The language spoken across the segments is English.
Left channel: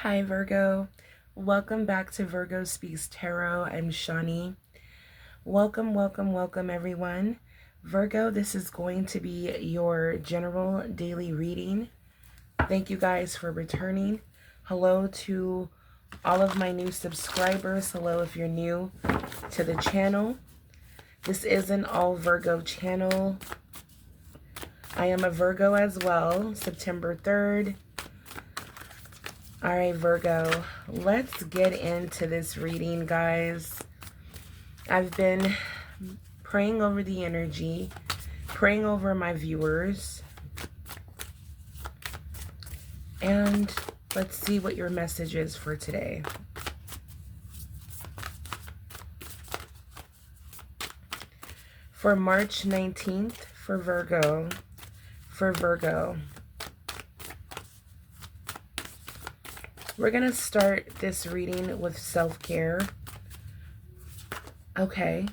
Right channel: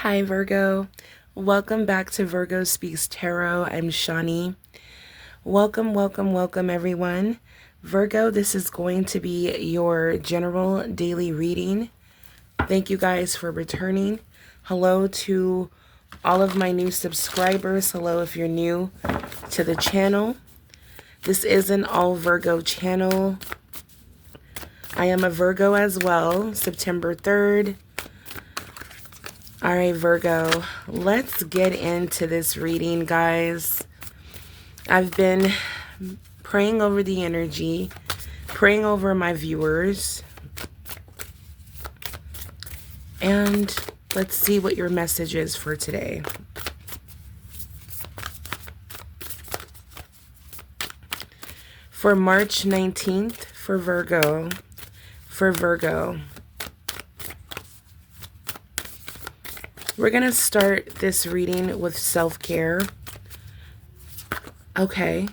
Hi, Virgo. Welcome back to Virgo Speaks Tarot. I'm Shani. Welcome, everyone. Virgo, this is going to be your general daily reading. Thank you guys for returning. Hello to all of my new subscribers. Hello if you're new to the channel. This is an all Virgo channel. I am a Virgo as well, September 3rd. All right, Virgo, let's get into this reading, guys. I've been praying over the energy, praying over my viewers, and let's see what your message is for today. For March 19th, for Virgo, we're going to start this reading with self-care. Okay,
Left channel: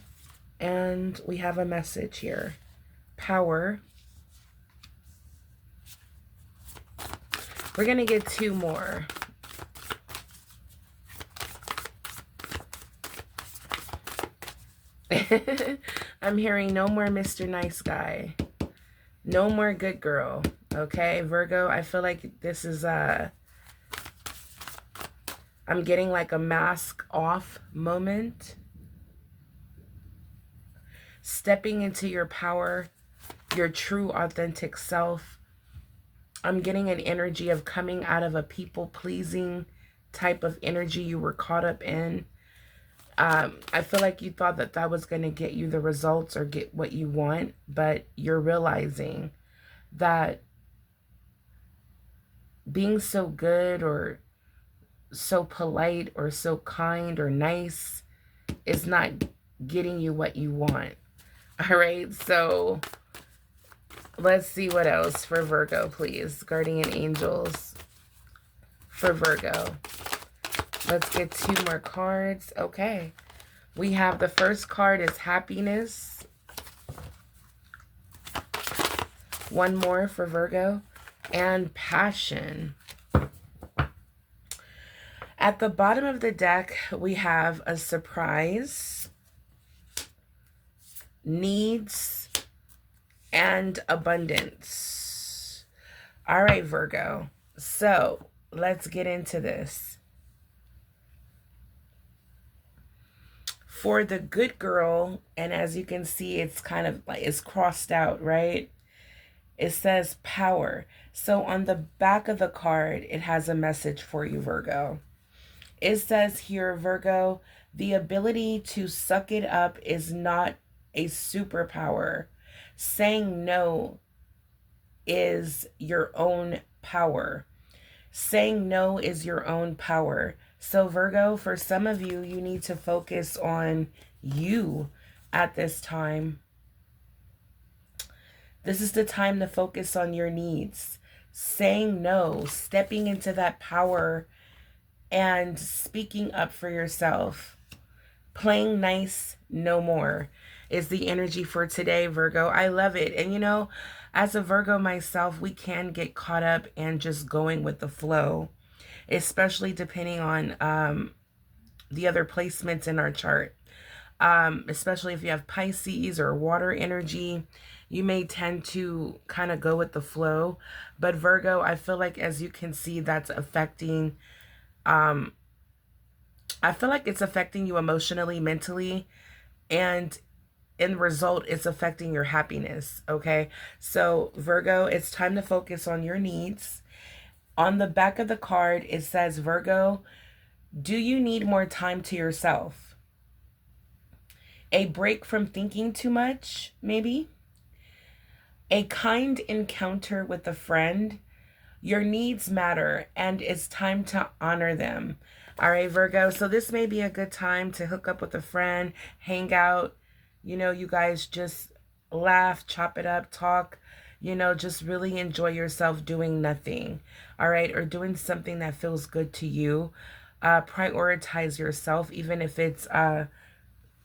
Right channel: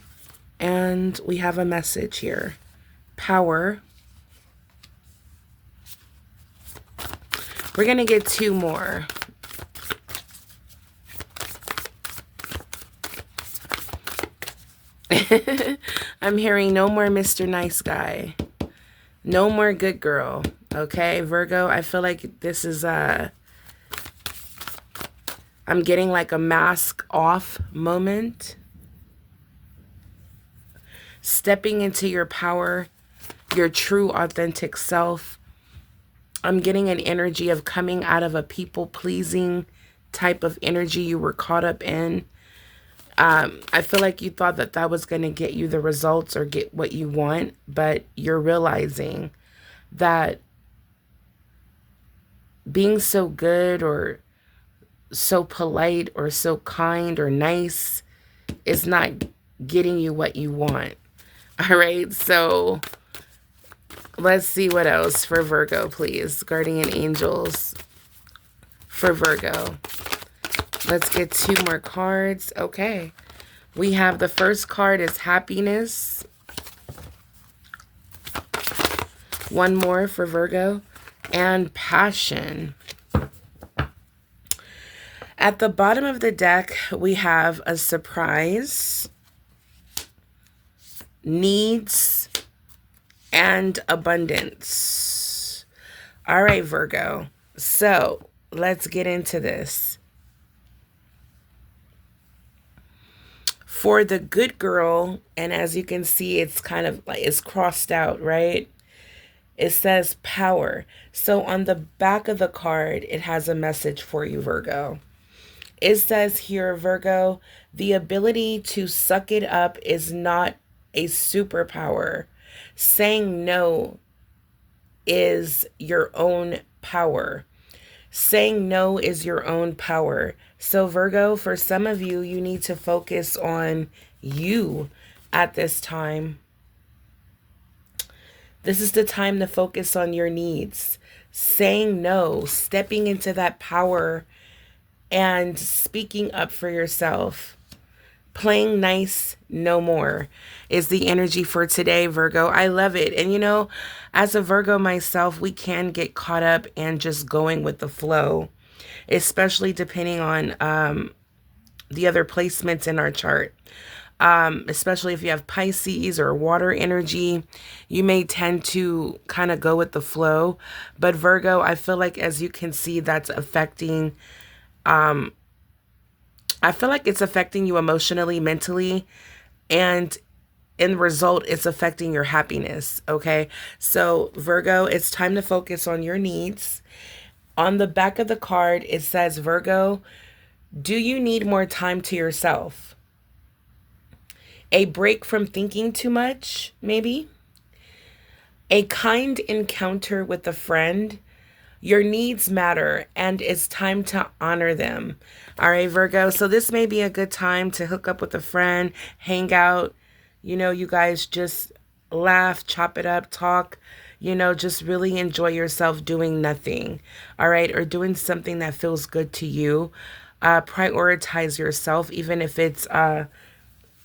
and we have a message here. Power. We're going to get two more. I'm hearing no more Mr. Nice Guy. No more good girl. Okay, Virgo, I feel like this is I'm getting like a mask off moment. Stepping into your power, your true authentic self. I'm getting an energy of coming out of a people-pleasing type of energy you were caught up in. I feel like you thought that that was going to get you the results or get what you want, but you're realizing that being so good or so polite or so kind or nice is not getting you what you want. All right, so let's see what else for Virgo, please. Guardian angels for Virgo. Let's get two more cards. Okay. We have the first card is happiness. One more for Virgo. And passion. At the bottom of the deck, we have a surprise, needs, and abundance. All right, Virgo. So let's get into this. For the good girl, and as you can see, it's kind of like it's crossed out, right? It says power. So on the back of the card, it has a message for you, Virgo. It says here, Virgo, the ability to suck it up is not a superpower. Saying no is your own power. Saying no is your own power. So Virgo, for some of you, you need to focus on you at this time. This is the time to focus on your needs. Saying no, stepping into that power and speaking up for yourself. Playing nice no more is the energy for today, Virgo. I love it. And you know, as a Virgo myself, we can get caught up in just going with the flow, especially depending on the other placements in our chart. Especially if you have Pisces or water energy, you may tend to kind of go with the flow. But Virgo, I feel like, as you can see, that's affecting I feel like it's affecting you emotionally, mentally, and in result, it's affecting your happiness, okay? So, Virgo, it's time to focus on your needs. On the back of the card, it says, Virgo, do you need more time to yourself? A break from thinking too much, maybe? A kind encounter with a friend? Your needs matter, and it's time to honor them. All right, Virgo. So this may be a good time to hook up with a friend, hang out. You know, you guys just laugh, chop it up, talk. You know, just really enjoy yourself doing nothing. All right, or doing something that feels good to you. Prioritize yourself, even if it's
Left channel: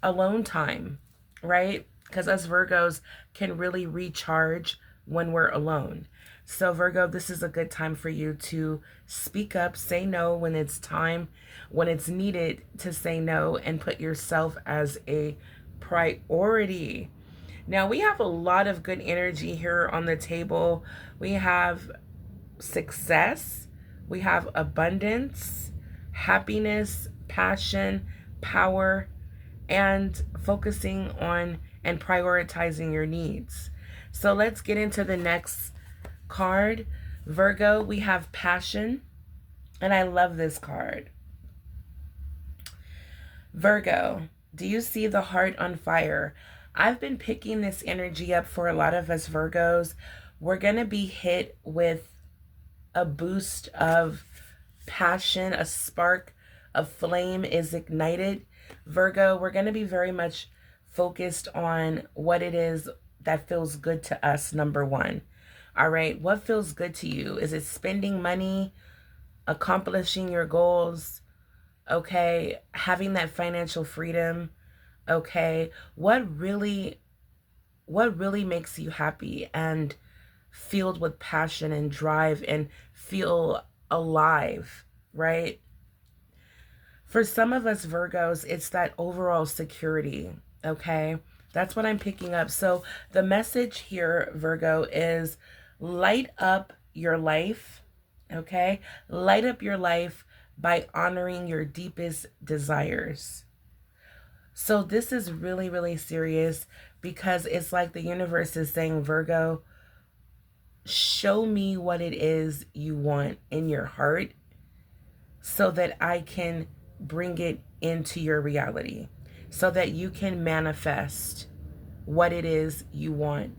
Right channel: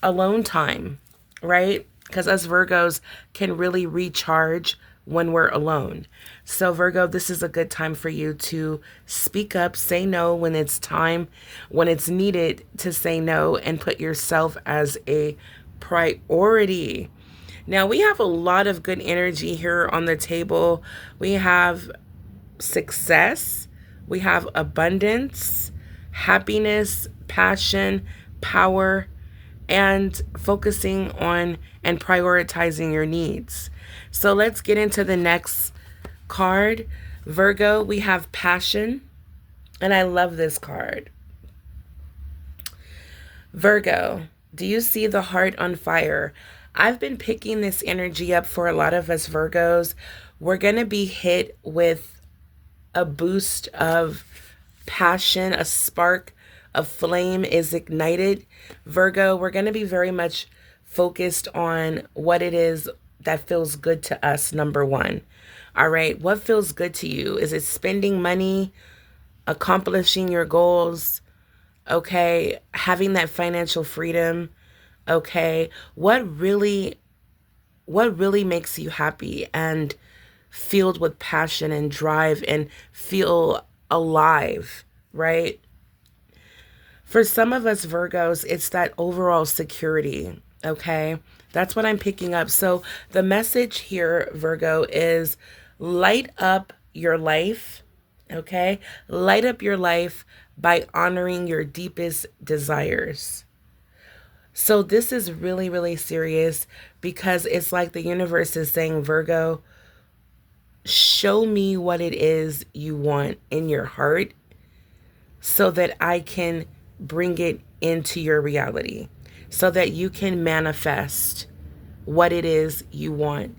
alone time, right? Because us Virgos can really recharge when we're alone. So, Virgo, this is a good time for you to speak up, say no when it's time, when it's needed to say no, and put yourself as a priority. Now, we have a lot of good energy here on the table. We have success, we have abundance, happiness, passion, power, and focusing on and prioritizing your needs. So let's get into the next card. Virgo, we have passion, and I love this card. Virgo, do you see the heart on fire? I've been picking this energy up for a lot of us Virgos. We're going to be hit with a boost of passion, a spark of flame is ignited. Virgo, we're going to be very much focused on what it is that feels good to us, number one. All right, what feels good to you? Is it spending money, accomplishing your goals? Okay, having that financial freedom? Okay, what really makes you happy and filled with passion and drive and feel alive, right? For some of us Virgos, it's that overall security, okay? That's what I'm picking up. So the message here, Virgo, is light up your life, okay? Light up your life by honoring your deepest desires. So this is really, really serious because it's like the universe is saying, Virgo, show me what it is you want in your heart so that I can bring it into your reality, so that you can manifest what it is you want.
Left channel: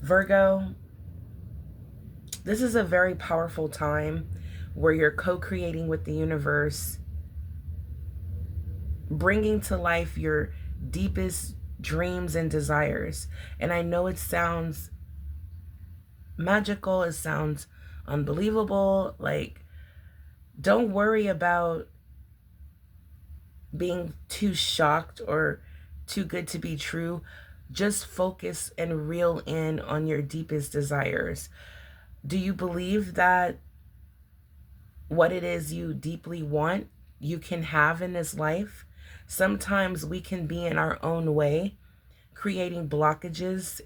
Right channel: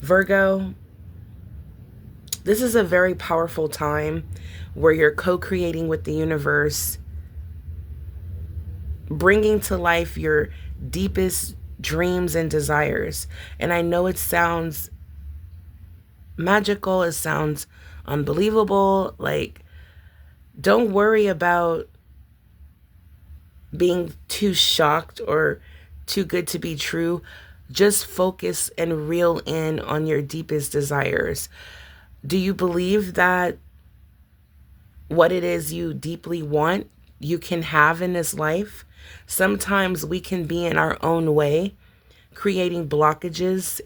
Virgo, this is a very powerful time where you're co-creating with the universe, bringing to life your deepest dreams and desires. And I know it sounds magical, it sounds unbelievable. Like, don't worry about being too shocked or too good to be true. Just focus and reel in on your deepest desires. Do you believe that what it is you deeply want, you can have in this life? Sometimes we can be in our own way, creating blockages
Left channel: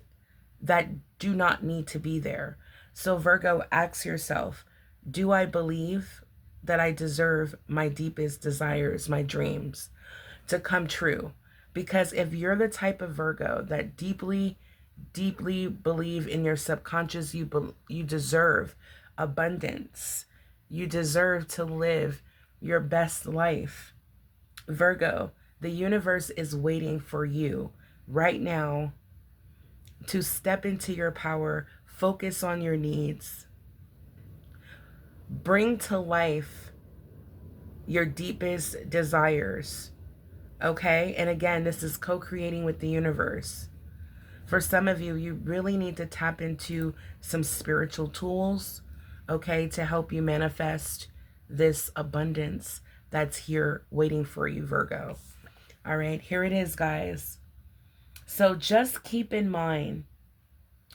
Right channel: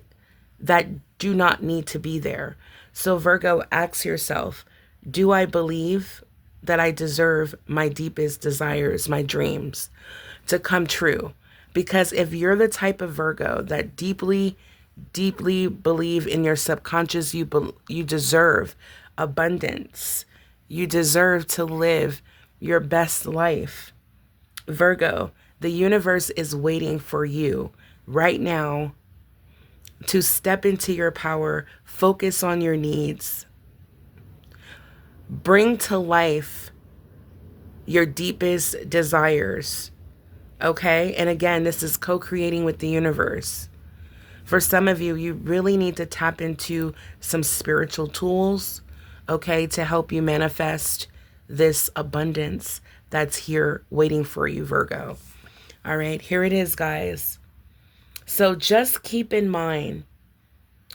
that do not need to be there. So Virgo, ask yourself, do I believe that I deserve my deepest desires, my dreams to come true? Because if you're the type of Virgo that deeply believe in your subconscious, you deserve abundance. You deserve to live your best life. Virgo, the universe is waiting for you right now to step into your power, focus on your needs, bring to life your deepest desires, okay? And again, this is co-creating with the universe. For some of you, you really need to tap into some spiritual tools, okay, to help you manifest this abundance that's here waiting for you, Virgo. All right, here it is, guys. So just keep in mind,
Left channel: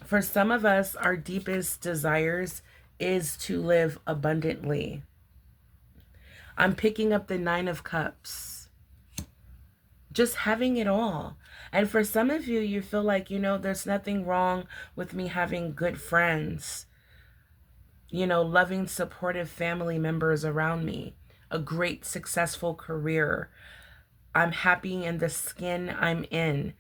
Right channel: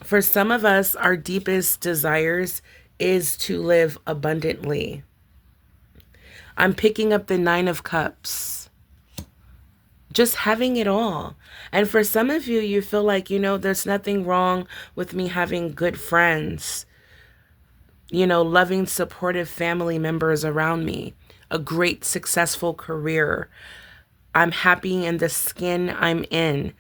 for some of us, our deepest desires is to live abundantly. I'm picking up the 9 of Cups. Just having it all. And for some of you, you feel like, there's nothing wrong with me having good friends, loving, supportive family members around me, a great, successful career. I'm happy in the skin I'm in.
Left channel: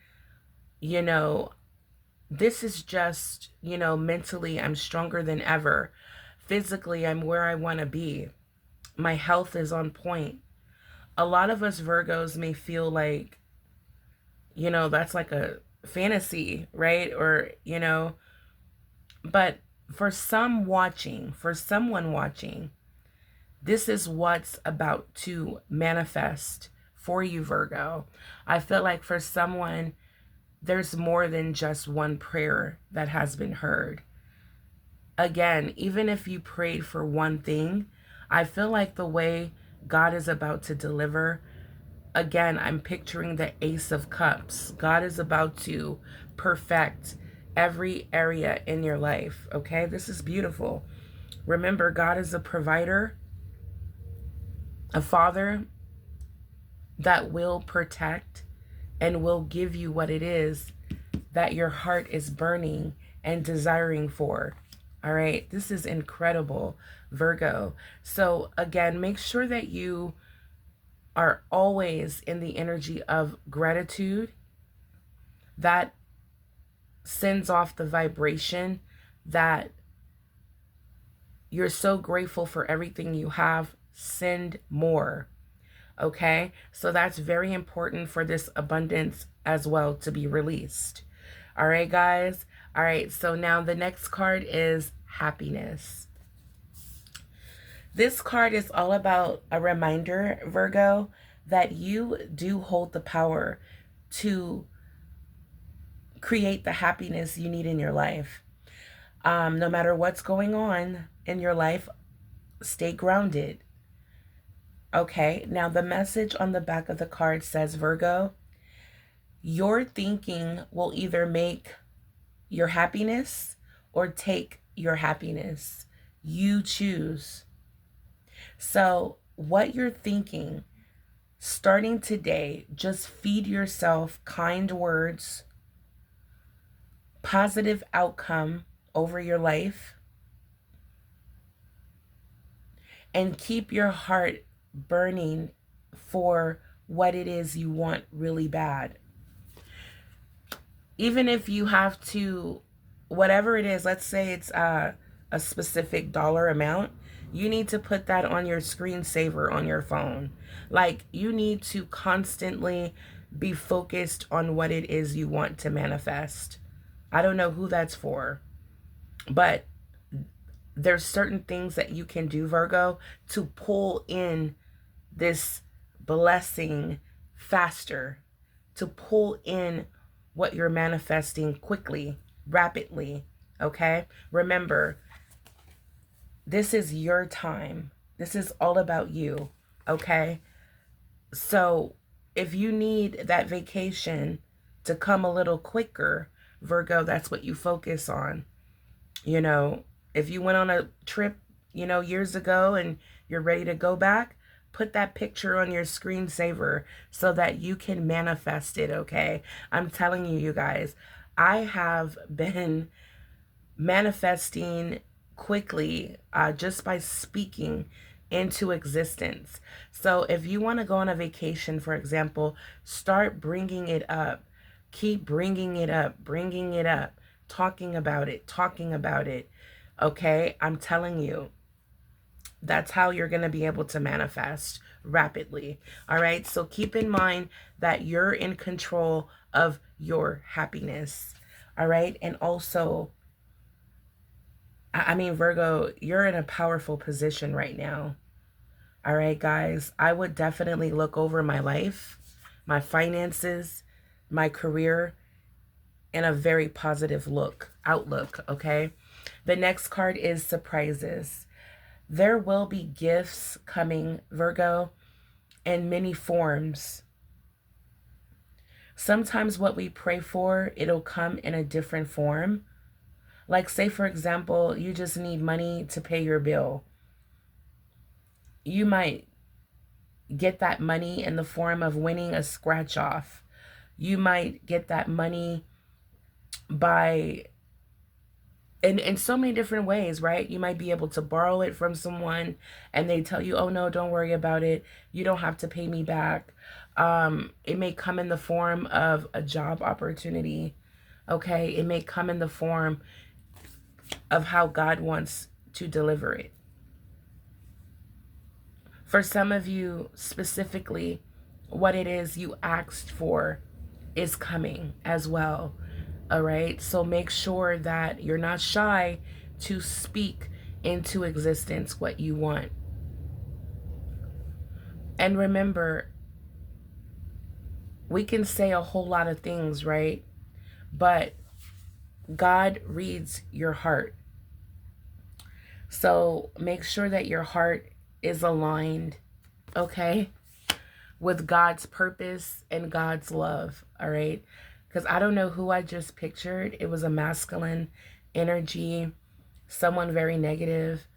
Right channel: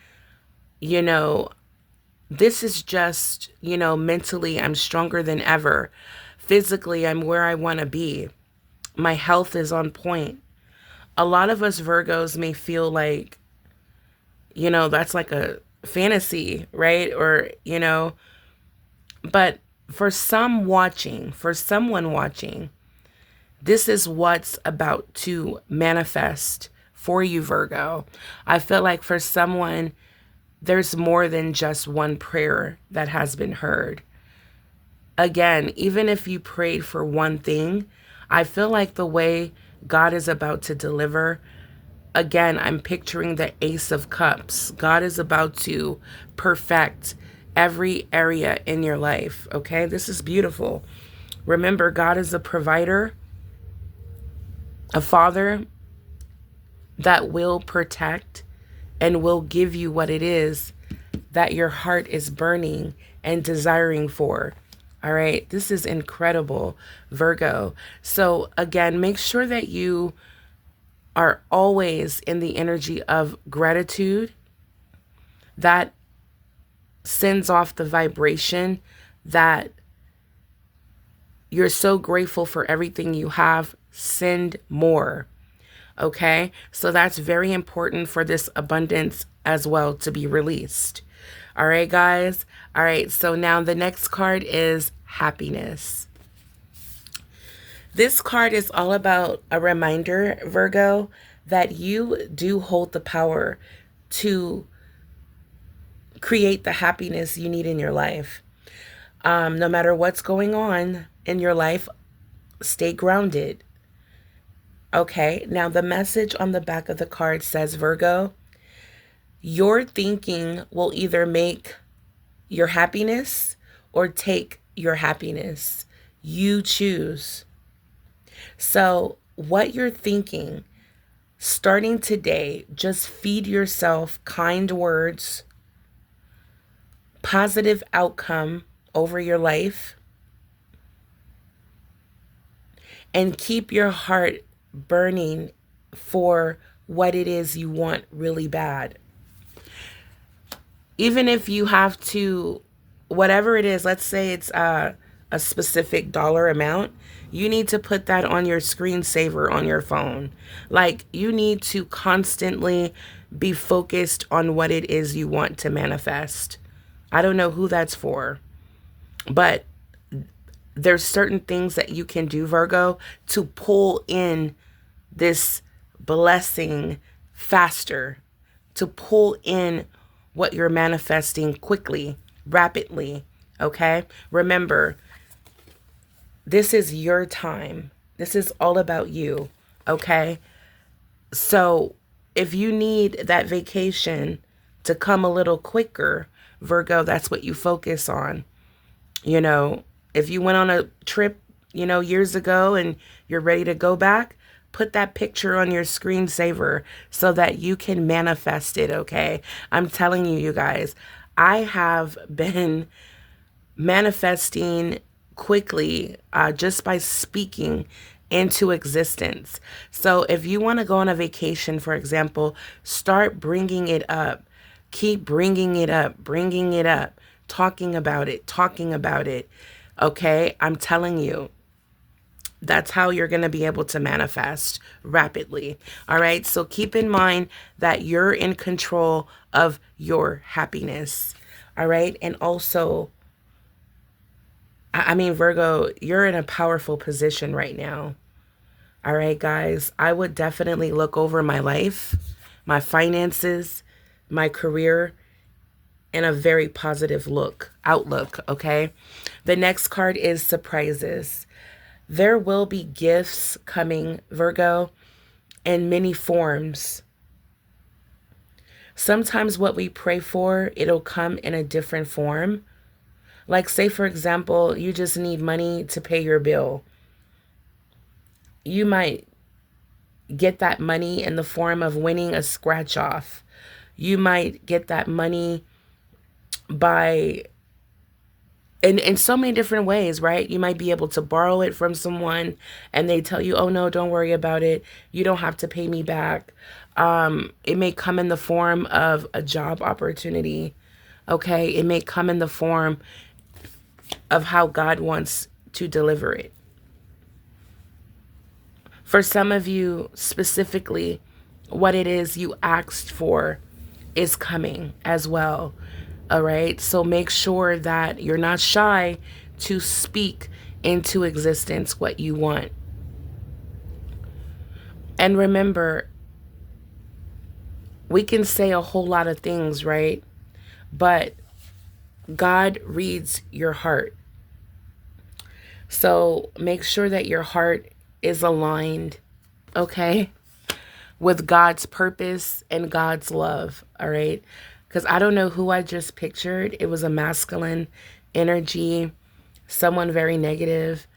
This is just, mentally, I'm stronger than ever. Physically, I'm where I want to be. My health is on point. A lot of us Virgos may feel like, that's like a fantasy, right? Or, but for someone watching, this is what's about to manifest for you, Virgo. I feel like for someone, there's more than just one prayer that has been heard. Again, even if you prayed for one thing, I feel like the way God is about to deliver, again, I'm picturing the Ace of Cups. God is about to perfect every area in your life, okay? This is beautiful. Remember, God is a provider, a father that will protect and will give you what it is that your heart is burning and desiring for. All right, this is incredible, Virgo. So, again, make sure that you are always in the energy of gratitude. That sends off the vibration that you're so grateful for everything you have. Send more. Okay, so that's very important for this abundance as well to be released. All right, guys. All right, so now the next card is happiness. This card is all about a reminder, Virgo, that you do hold the power to create the happiness you need in your life. No matter what's going on in your life, stay grounded. Okay, now the message on the back of the card says, Virgo, your thinking will either make your happiness or take your happiness. You choose. So, what you're thinking, starting today, just feed yourself kind words, positive outcome over your life, and keep your heart burning for what it is you want really bad. Even if you have to, whatever it is, let's say it's a specific dollar amount, you need to put that on your screensaver on your phone. Like, you need to constantly be focused on what it is you want to manifest. I don't know who that's for, but there's certain things that you can do, Virgo, to pull in this blessing faster, to pull in what you're manifesting quickly, rapidly, okay? Remember, this is your time. This is all about you, okay? So if you need that vacation to come a little quicker, Virgo, that's what you focus on. You know, if you went on a trip, years ago and you're ready to go back, put that picture on your screensaver so that you can manifest it, okay? I'm telling you, you guys, I have been manifesting quickly just by speaking into existence. So if you want to go on a vacation, for example, start bringing it up. Keep bringing it up, talking about it. Okay? I'm telling you, that's how you're going to be able to manifest rapidly. All right? So keep in mind that you're in control of your happiness. All right? And also, I mean, Virgo, you're in a powerful position right now. All right, guys, I would definitely look over my life, my finances, my career, in a very positive outlook, okay? The next card is surprises. There will be gifts coming, Virgo, in many forms. Sometimes what we pray for, it'll come in a different form. Like, say, for example, you just need money to pay your bill. You might get that money in the form of winning a scratch off. You might get that money by in so many different ways, right? You might be able to borrow it from someone and they tell you, oh no, don't worry about it. You don't have to pay me back. It may come in the form of a job opportunity. Okay. It may come in the form of how God wants to deliver it. For some of you specifically, what it is you asked for is coming as well. All right. So make sure that you're not shy to speak into existence what you want. And remember, we can say a whole lot of things, right? But God reads your heart. So make sure that your heart is aligned, okay, with God's purpose and God's love, all right? because I don't know who I just pictured. It was a masculine energy, someone very negative,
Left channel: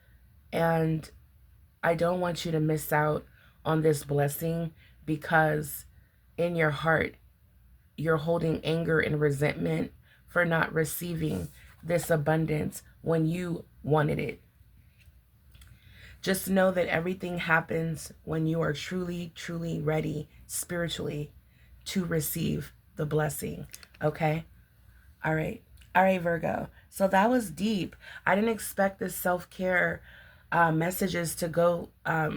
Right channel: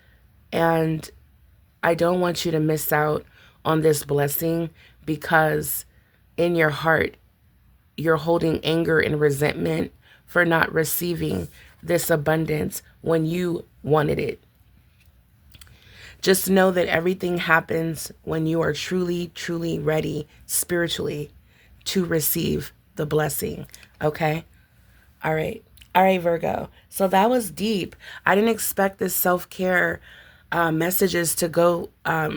and I don't want you to miss out on this blessing because in your heart, you're holding anger and resentment for not receiving this abundance when you wanted it. Just know that everything happens when you are truly, truly ready spiritually to receive the blessing. Okay? All right. All right, Virgo. So that was deep. I didn't expect this self-care messages to go. I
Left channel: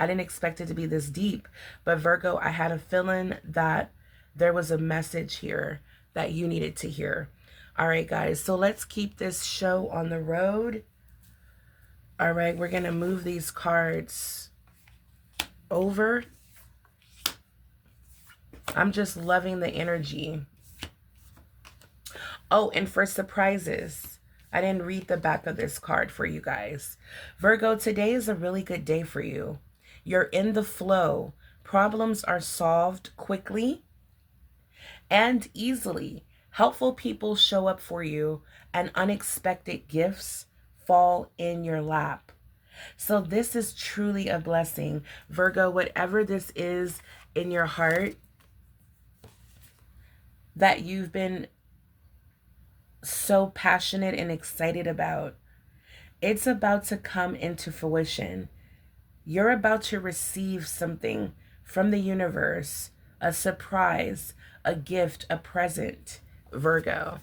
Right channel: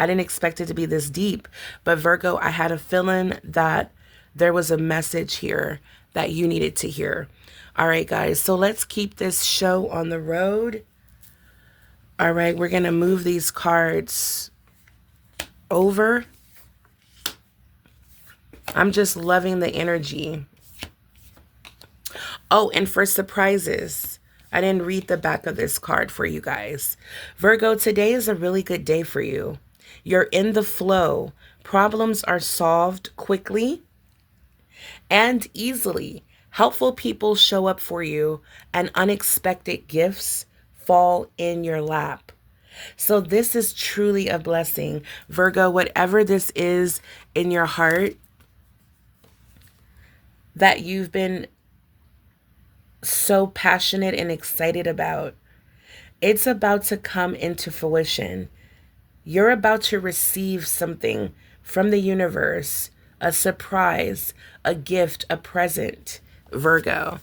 didn't expect it to be this deep. But Virgo, I had a feeling that there was a message here that you needed to hear. All right, guys. So let's keep this show on the road. All right, we're going to move these cards over. I'm just loving the energy. Oh, and for surprises, I didn't read the back of this card for you guys. Virgo, today is a really good day for you. You're in the flow. Problems are solved quickly and easily. Helpful people show up for you, and unexpected gifts fall in your lap. So this is truly a blessing. Virgo, whatever this is in your heart that you've been so passionate and excited about, it's about to come into fruition. You're about to receive something from the universe, a surprise, a gift, a present, Virgo.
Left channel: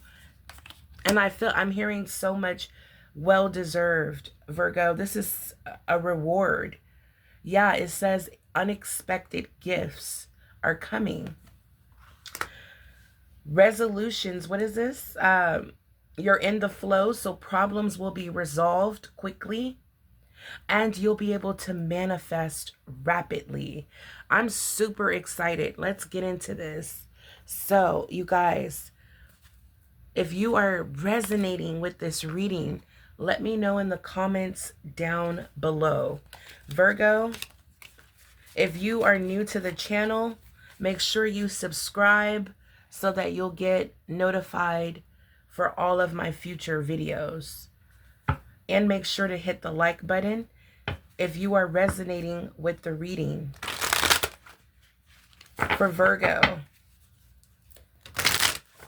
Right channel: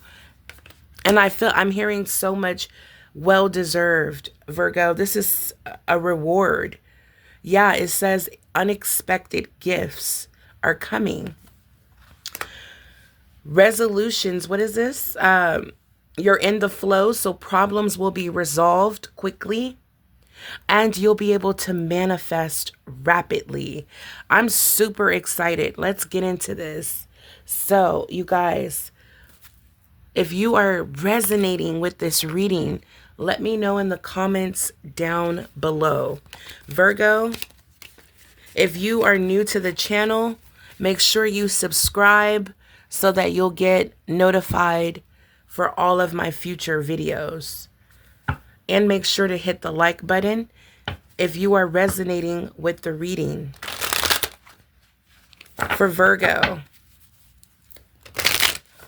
And I'm hearing so much well-deserved, Virgo. This is a reward. Yeah, it says unexpected gifts are coming. Resolutions, what is this? You're in the flow, so problems will be resolved quickly and you'll be able to manifest rapidly. I'm super excited. Let's get into this. So, you guys, if you are resonating with this reading, let me know in the comments down below. Virgo, if you are new to the channel, make sure you subscribe so that you'll get notified for all of my future videos. And make sure to hit the like button if you are resonating with the reading. For Virgo,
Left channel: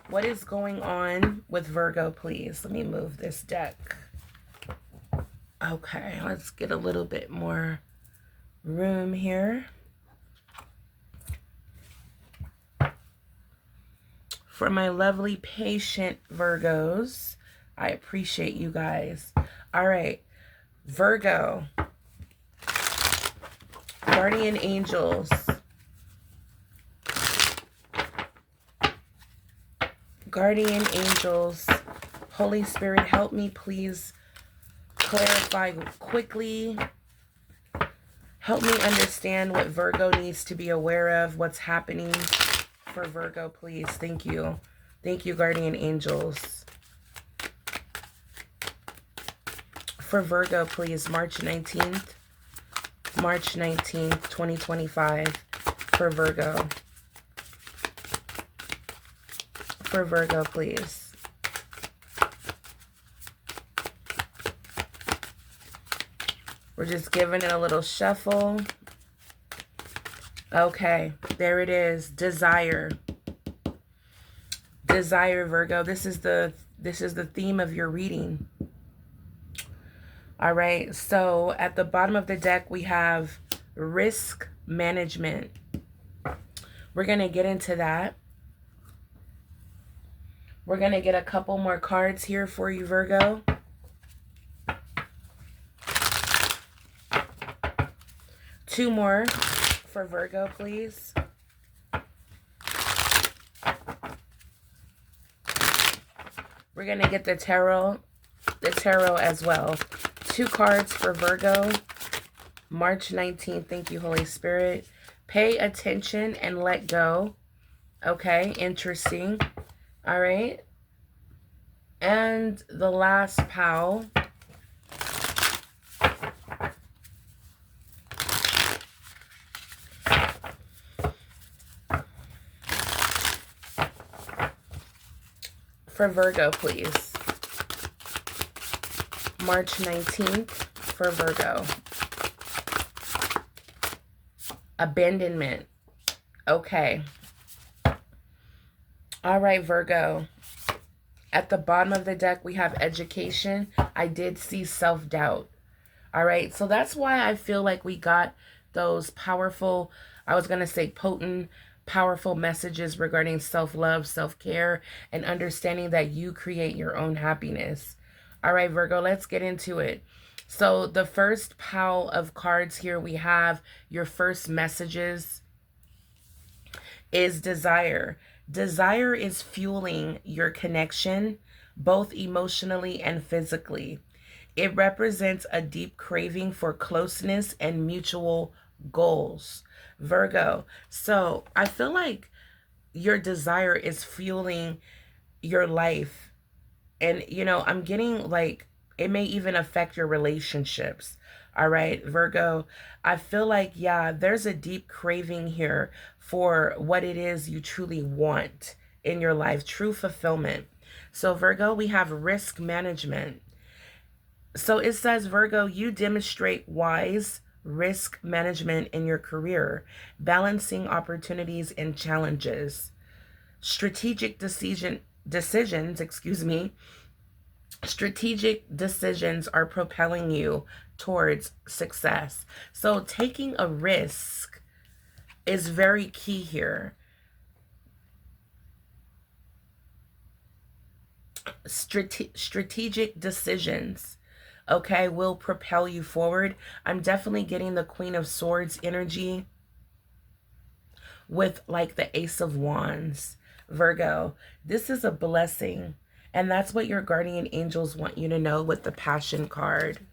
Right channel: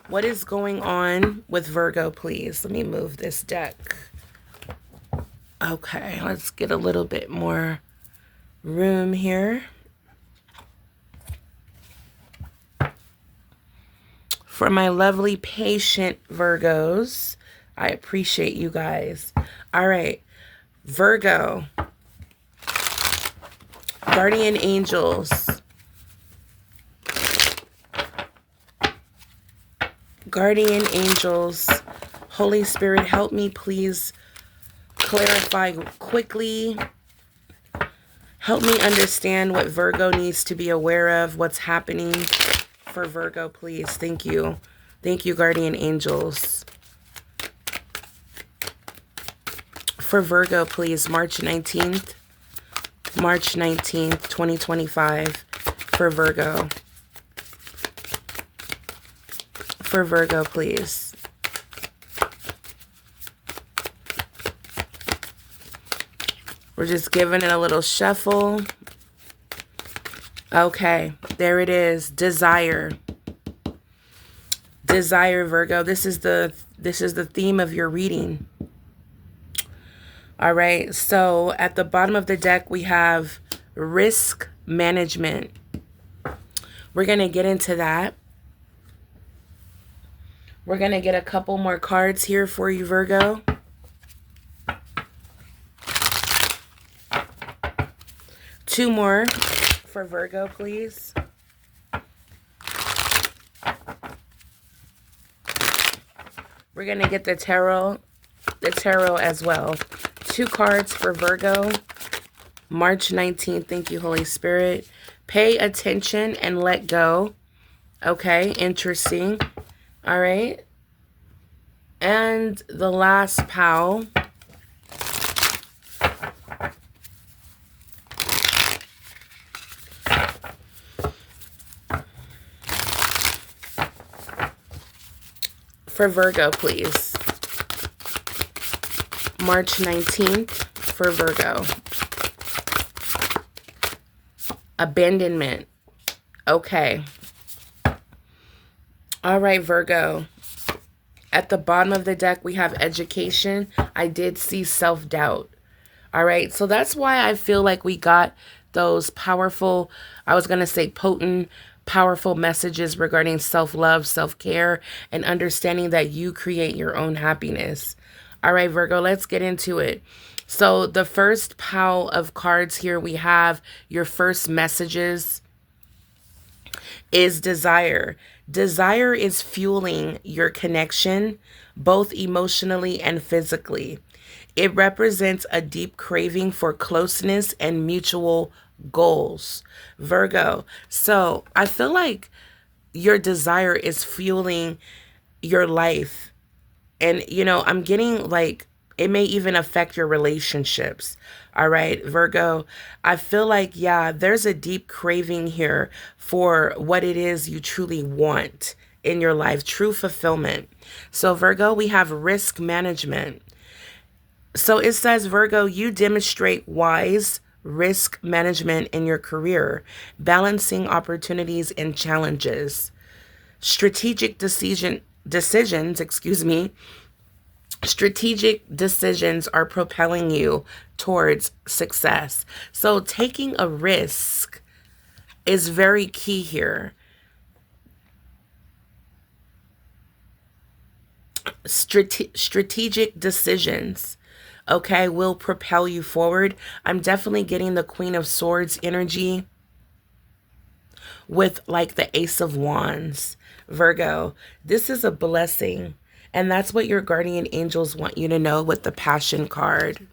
what is going on with Virgo, please? Let me move this deck. Okay, let's get a little bit more room here. For my lovely patient Virgos, I appreciate you guys. All right, Virgo, guardian angels, guardian angels, Holy Spirit, help me please clarify quickly. Help me understand what Virgo needs to be aware of, what's happening for Virgo, please. Thank you. Thank you, guardian angels. For Virgo, please, March 19th, 2025, for Virgo. For Virgo, please. We're just giving it a little shuffle. Okay, there it is. Desire. Desire, Virgo. This is the theme of your reading. All right, so at the bottom of the deck, we have risk management. We're going to get into that. We're going to get a couple more cards here for you, Virgo. Two more for Virgo, please. We're going to get the tarot as well. Two cards for Virgo, March 19th. Thank you, Holy Spirit. Pay attention and let go. Okay, interesting. All right. And the last pile. for Virgo, please. March 19th for Virgo. Abandonment. Okay. All right, Virgo. At the bottom of the deck, we have education. I did see self-doubt. All right. So that's why I feel like we got those powerful, I was going to say potent, powerful messages regarding self-love, self-care, and understanding that you create your own happiness. All right, Virgo, let's get into it. So the first pile of cards here, we have your first messages is desire. Desire is fueling your connection, both emotionally and physically. It represents a deep craving for closeness and mutual goals. Virgo. So I feel like your desire is fueling your life. And, you know, I'm getting like, it may even affect your relationships. All right, Virgo, I feel like, yeah, there's a deep craving here for what it is you truly want in your life, true fulfillment. So, Virgo, we have risk management. So it says, Virgo, you demonstrate wise risk management in your career, balancing opportunities and challenges. Strategic decisions, strategic decisions are propelling you towards success. So taking a risk is very key here. Strategic decisions, okay, will propel you forward. I'm definitely getting the Queen of Swords energy with like the Ace of Wands. Virgo, this is a blessing. And that's what your guardian angels want you to know with the Passion card.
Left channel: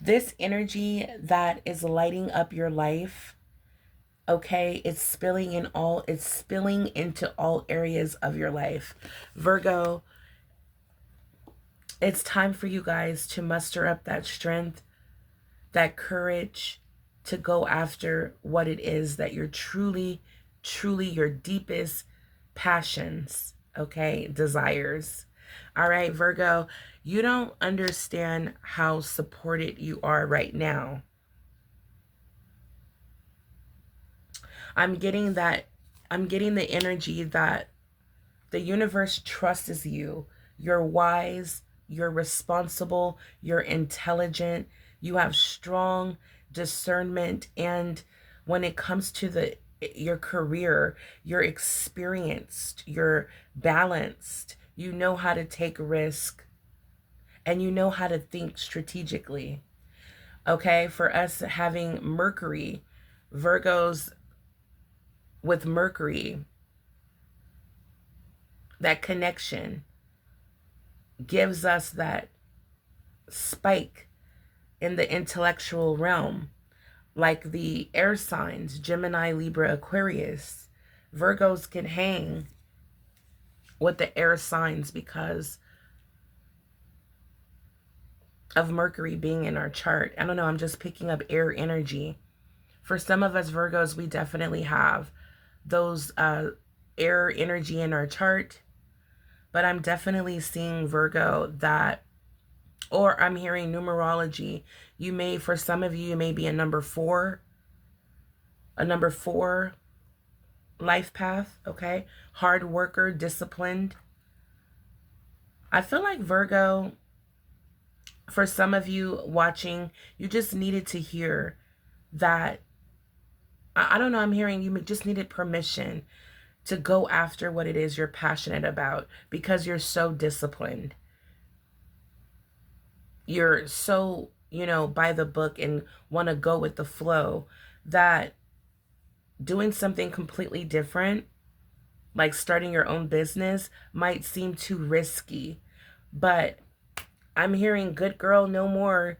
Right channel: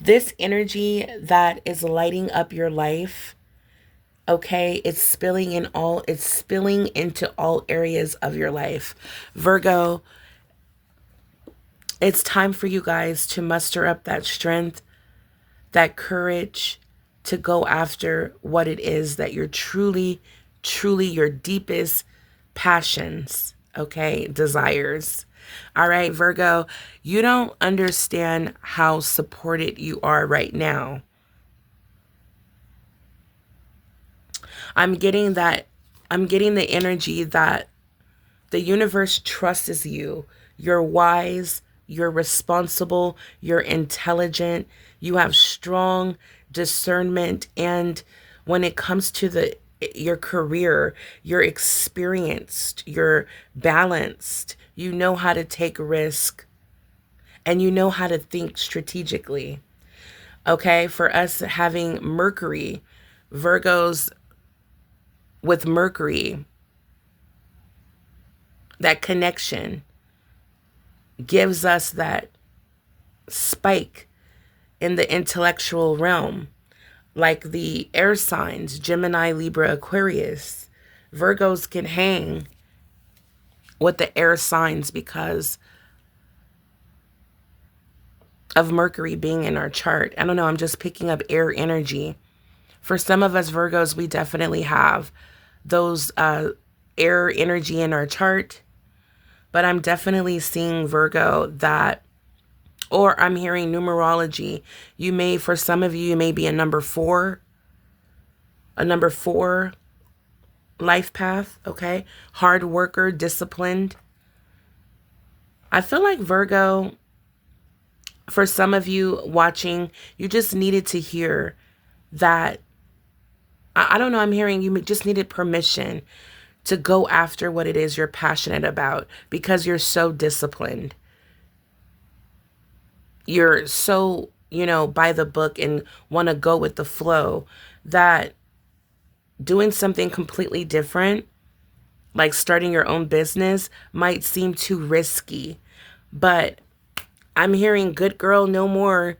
This energy that is lighting up your life, okay, it's spilling into all areas of your life. Virgo, it's time for you guys to muster up that strength, that courage to go after what it is that you're truly, truly your deepest passions, okay, desires. All right, Virgo, you don't understand how supported you are right now. I'm getting the energy that the universe trusts you. You're wise, you're responsible, you're intelligent, you have strong discernment, and when it comes to your career, you're experienced, you're balanced, you know how to take risk, and you know how to think strategically. Okay, for us having Mercury, Virgos with Mercury, that connection gives us that spike in the intellectual realm, like the air signs, Gemini, Libra, Aquarius. Virgos can hang with the air signs because of Mercury being in our chart. I don't know, I'm just picking up air energy. For some of us Virgos, we definitely have those air energy in our chart. But I'm definitely seeing, Virgo, that, or I'm hearing numerology. You may, for some of you may be a number 4 life path, okay? Hard worker, disciplined. I feel like, Virgo, for some of you watching, you just needed to hear that, I don't know, I'm hearing you just needed permission to go after what it is you're passionate about because you're so disciplined. You're so, you know, by the book and want to go with the flow that doing something completely different, like starting your own business, might seem too risky. But I'm hearing good girl, no more.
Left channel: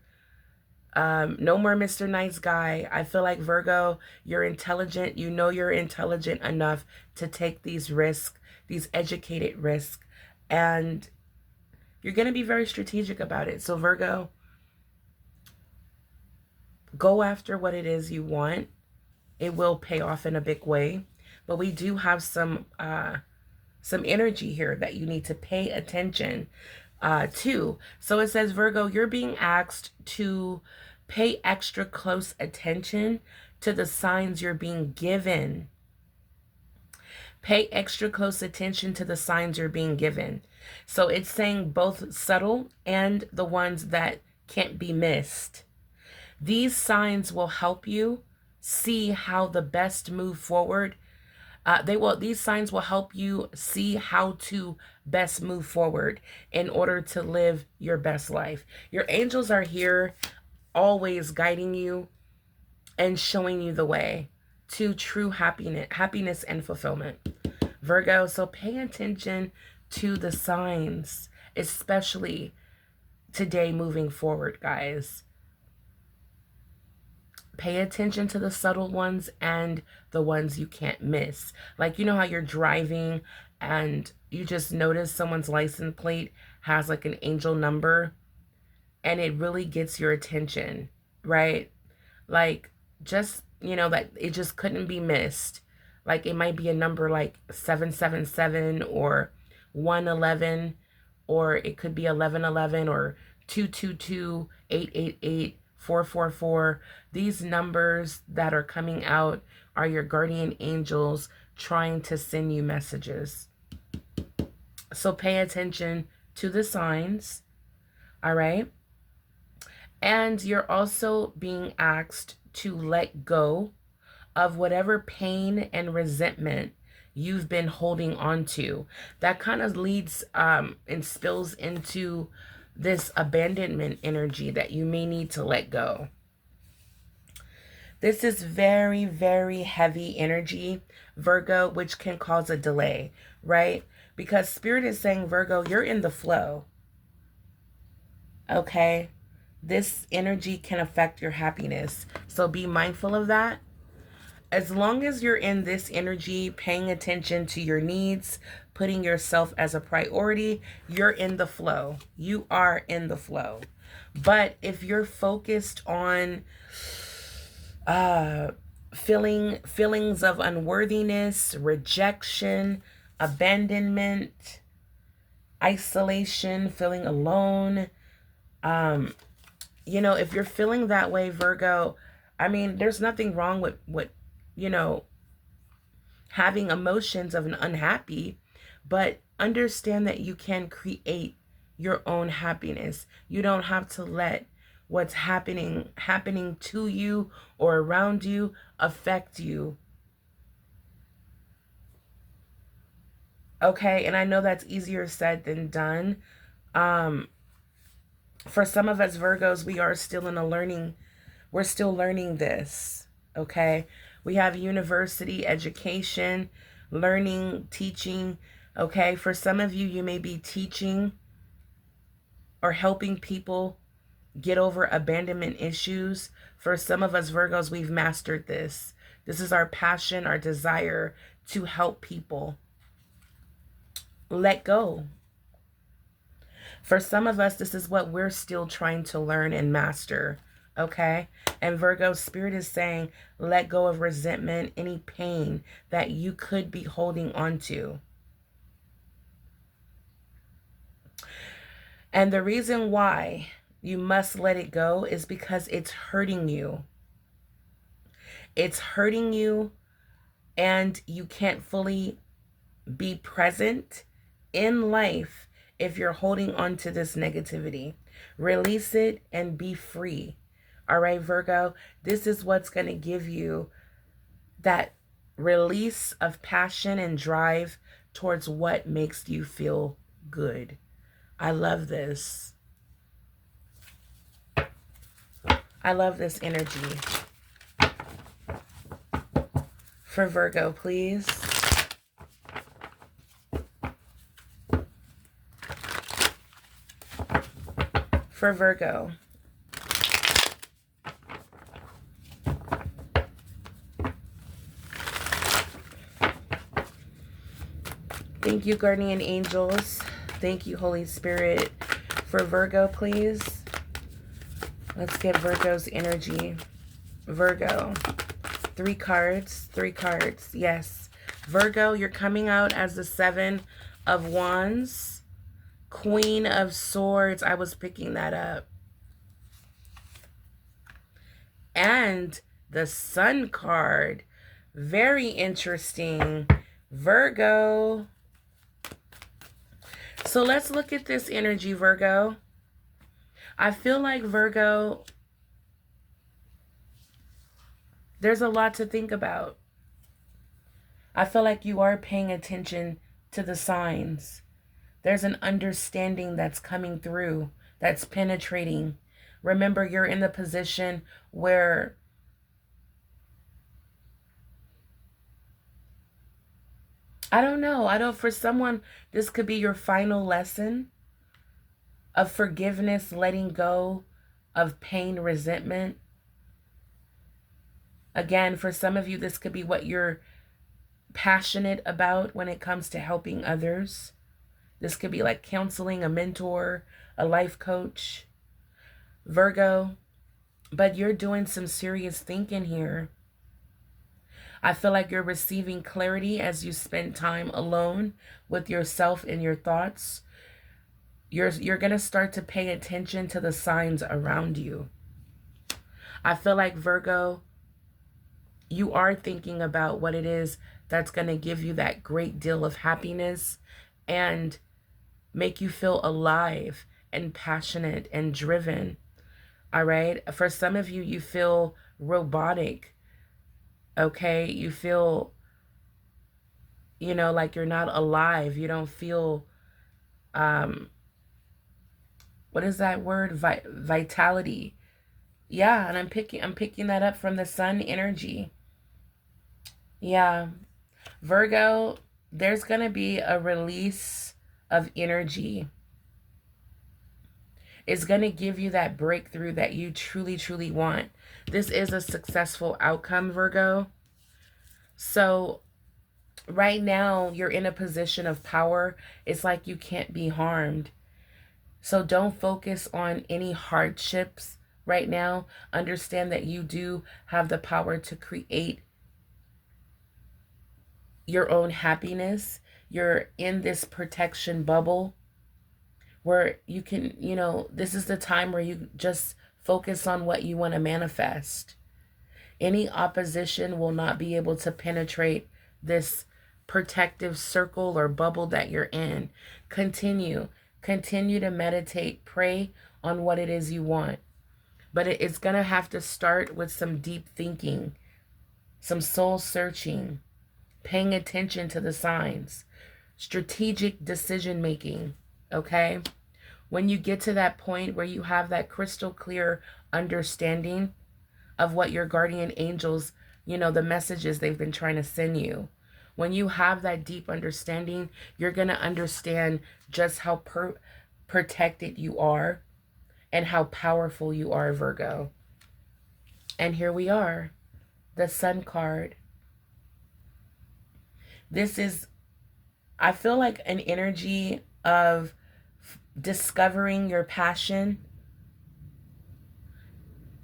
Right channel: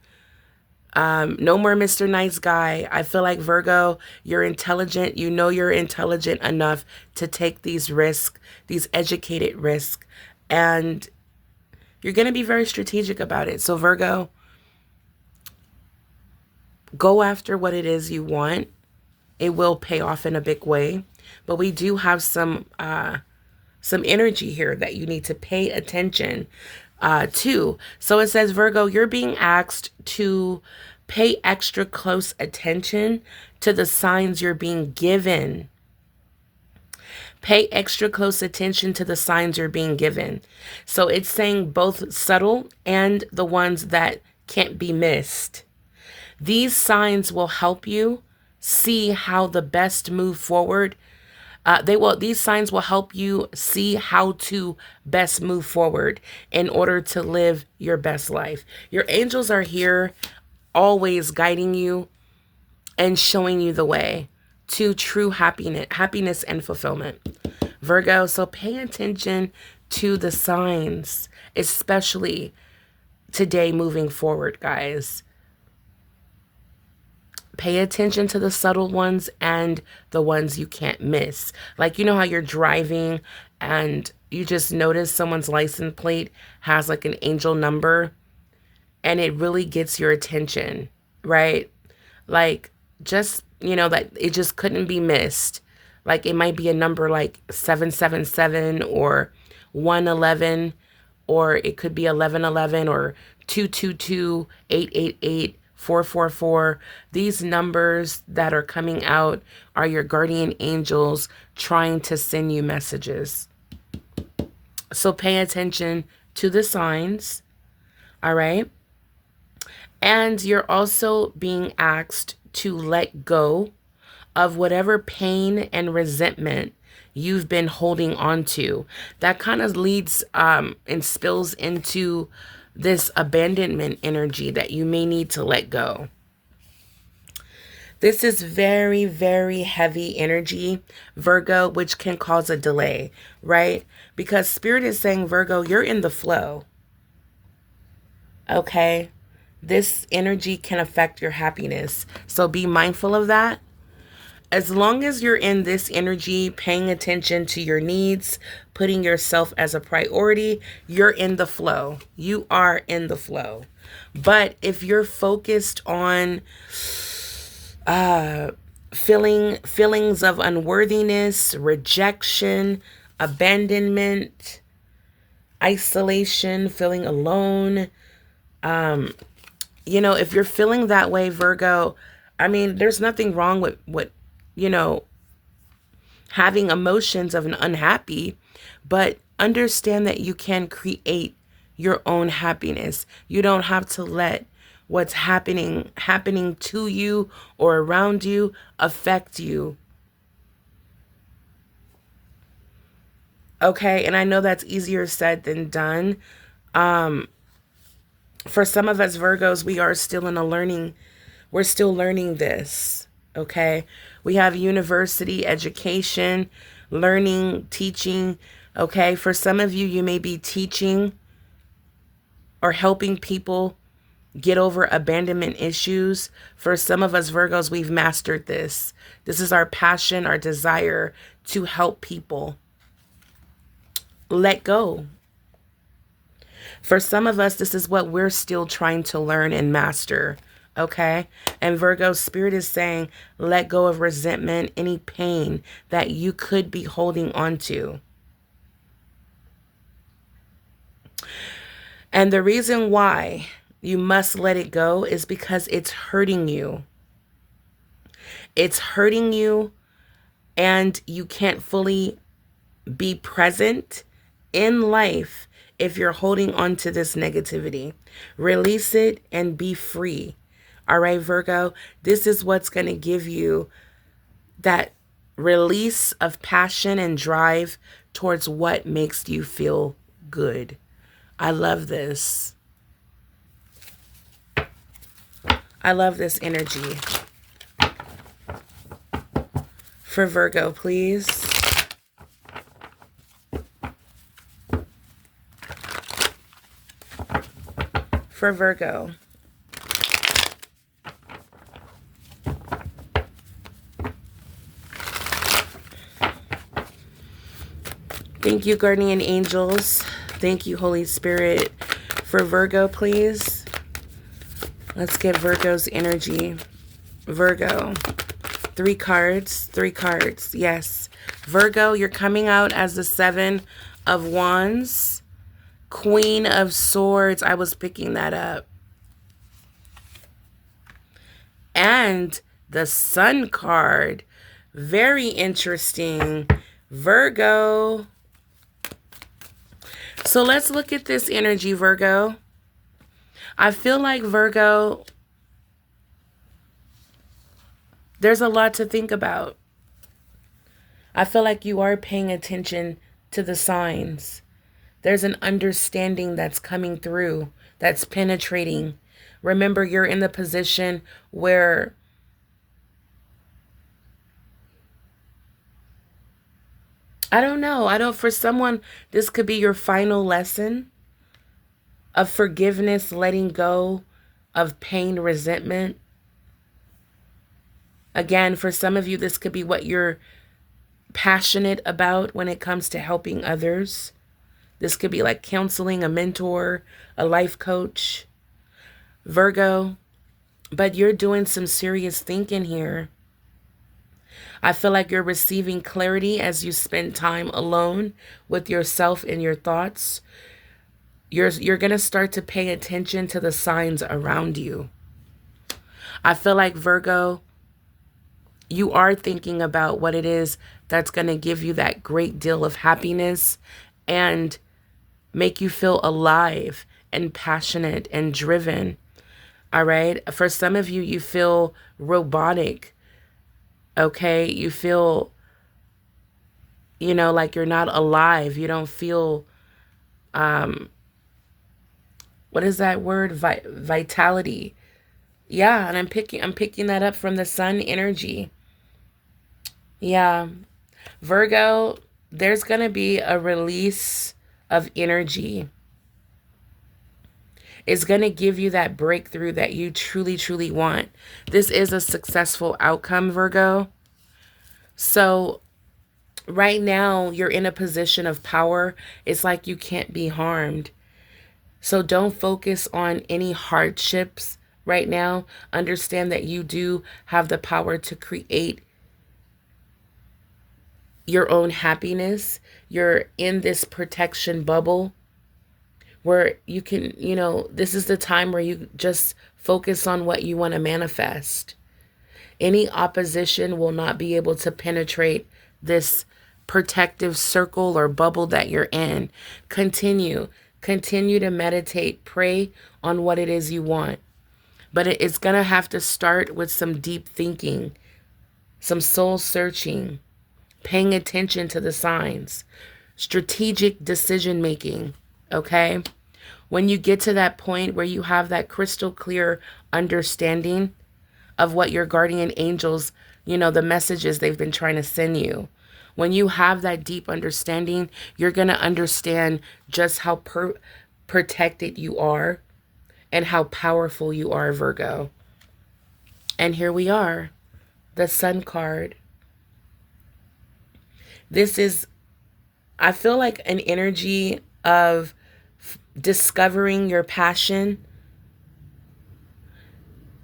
No more Mr. Nice Guy. I feel like, Virgo, you're intelligent. You know you're intelligent enough to take these risks, these educated risks, and you're going to be very strategic about it. So, Virgo, go after what it is you want. It will pay off in a big way. But we do have some some energy here that you need to pay attention to. So it says, Virgo, you're being asked to pay extra close attention to the signs you're being given. Pay extra close attention to the signs you're being given. So it's saying both subtle and the ones that can't be missed. These signs will help you see how the best move forward. These signs will help you see how to best move forward in order to live your best life. Your angels are here always guiding you and showing you the way to true happiness and fulfillment. Virgo, so pay attention to the signs, especially today moving forward, guys. Pay attention to the subtle ones and the ones you can't miss. Like, you know how you're driving and you just notice someone's license plate has like an angel number and it really gets your attention, right? Like, just, you know, that it just couldn't be missed. Like, it might be a number like 777 or 111, or it could be 1111 or 222, 888, 444. These numbers that are coming out are your guardian angels trying to send you messages. So pay attention to the signs, all right? And you're also being asked to let go of whatever pain and resentment you've been holding on to. That kind of leads and spills into this abandonment energy that you may need to let go. This is very, very heavy energy, Virgo, which can cause a delay, right? Because Spirit is saying, Virgo, you're in the flow. Okay? This energy can affect your happiness. So be mindful of that. As long as you're in this energy, paying attention to your needs, putting yourself as a priority, you're in the flow. You are in the flow. But if you're focused on feelings of unworthiness, rejection, abandonment, isolation, feeling alone, you know, if you're feeling that way, Virgo, I mean, there's nothing wrong with you know, having emotions of an unhappy, but understand that you can create your own happiness. You don't have to let what's happening to you or around you affect you. Okay, and I know that's easier said than done. For some of us Virgos, we are still in a learning, we're still learning this, okay? We have university education, learning, teaching, okay? For some of you, you may be teaching or helping people get over abandonment issues. For some of us Virgos, we've mastered this. This is our passion, our desire to help people let go. For some of us, this is what we're still trying to learn and master. Okay? And Virgo, Spirit is saying, let go of resentment, any pain that you could be holding on to. And the reason why you must let it go is because it's hurting you. It's hurting you, and you can't fully be present in life if you're holding on to this negativity. Release it and be free. All right, Virgo, this is what's going to give you that release of passion and drive towards what makes you feel good. I love this. I love this energy. For Virgo, please. For Virgo. Thank you, guardian angels. Thank you, Holy Spirit. For Virgo, please. Let's get Virgo's energy. Virgo. 3 cards. 3 cards. Yes. Virgo, you're coming out as the Seven of Wands, Queen of Swords. I was picking that up. And the Sun card. Very interesting. Virgo. So let's look at this energy, Virgo. I feel like, Virgo, there's a lot to think about. I feel like you are paying attention to the signs. There's an understanding that's coming through, that's penetrating. Remember, you're in the position where I don't know. For someone, this could be your final lesson of forgiveness, letting go of pain, resentment. Again, for some of you, this could be what you're passionate about when it comes to helping others. This could be like counseling, a mentor, a life coach, Virgo. But you're doing some serious thinking here. I feel like you're receiving clarity as you spend time alone with yourself and your thoughts. You're going to start to pay attention to the signs around you. I feel like, Virgo, you are thinking about what it is that's going to give you that great deal of happiness and make you feel alive and passionate and driven. All right. For some of you, you feel robotic. Okay. You feel, like you're not alive. You don't feel, what is that word? Vitality. Yeah. And I'm picking that up from the Sun energy. Yeah. Virgo, there's going to be a release of energy. It's going to give you that breakthrough that you truly, truly want. This is a successful outcome, Virgo. So right now, you're in a position of power. It's like you can't be harmed. So don't focus on any hardships right now. Understand that you do have the power to create your own happiness. You're in this protection bubble where you can, this is the time where you just focus on what you want to manifest. Any opposition will not be able to penetrate this protective circle or bubble that you're in. Continue to meditate, pray on what it is you want. But it's going to have to start with some deep thinking, some soul searching, paying attention to the signs, strategic decision making, okay? When you get to that point where you have that crystal clear understanding of what your guardian angels, the messages they've been trying to send you, when you have that deep understanding, you're going to understand just how protected you are and how powerful you are, Virgo. And here we are, the Sun card. This is, I feel like, an energy of discovering your passion.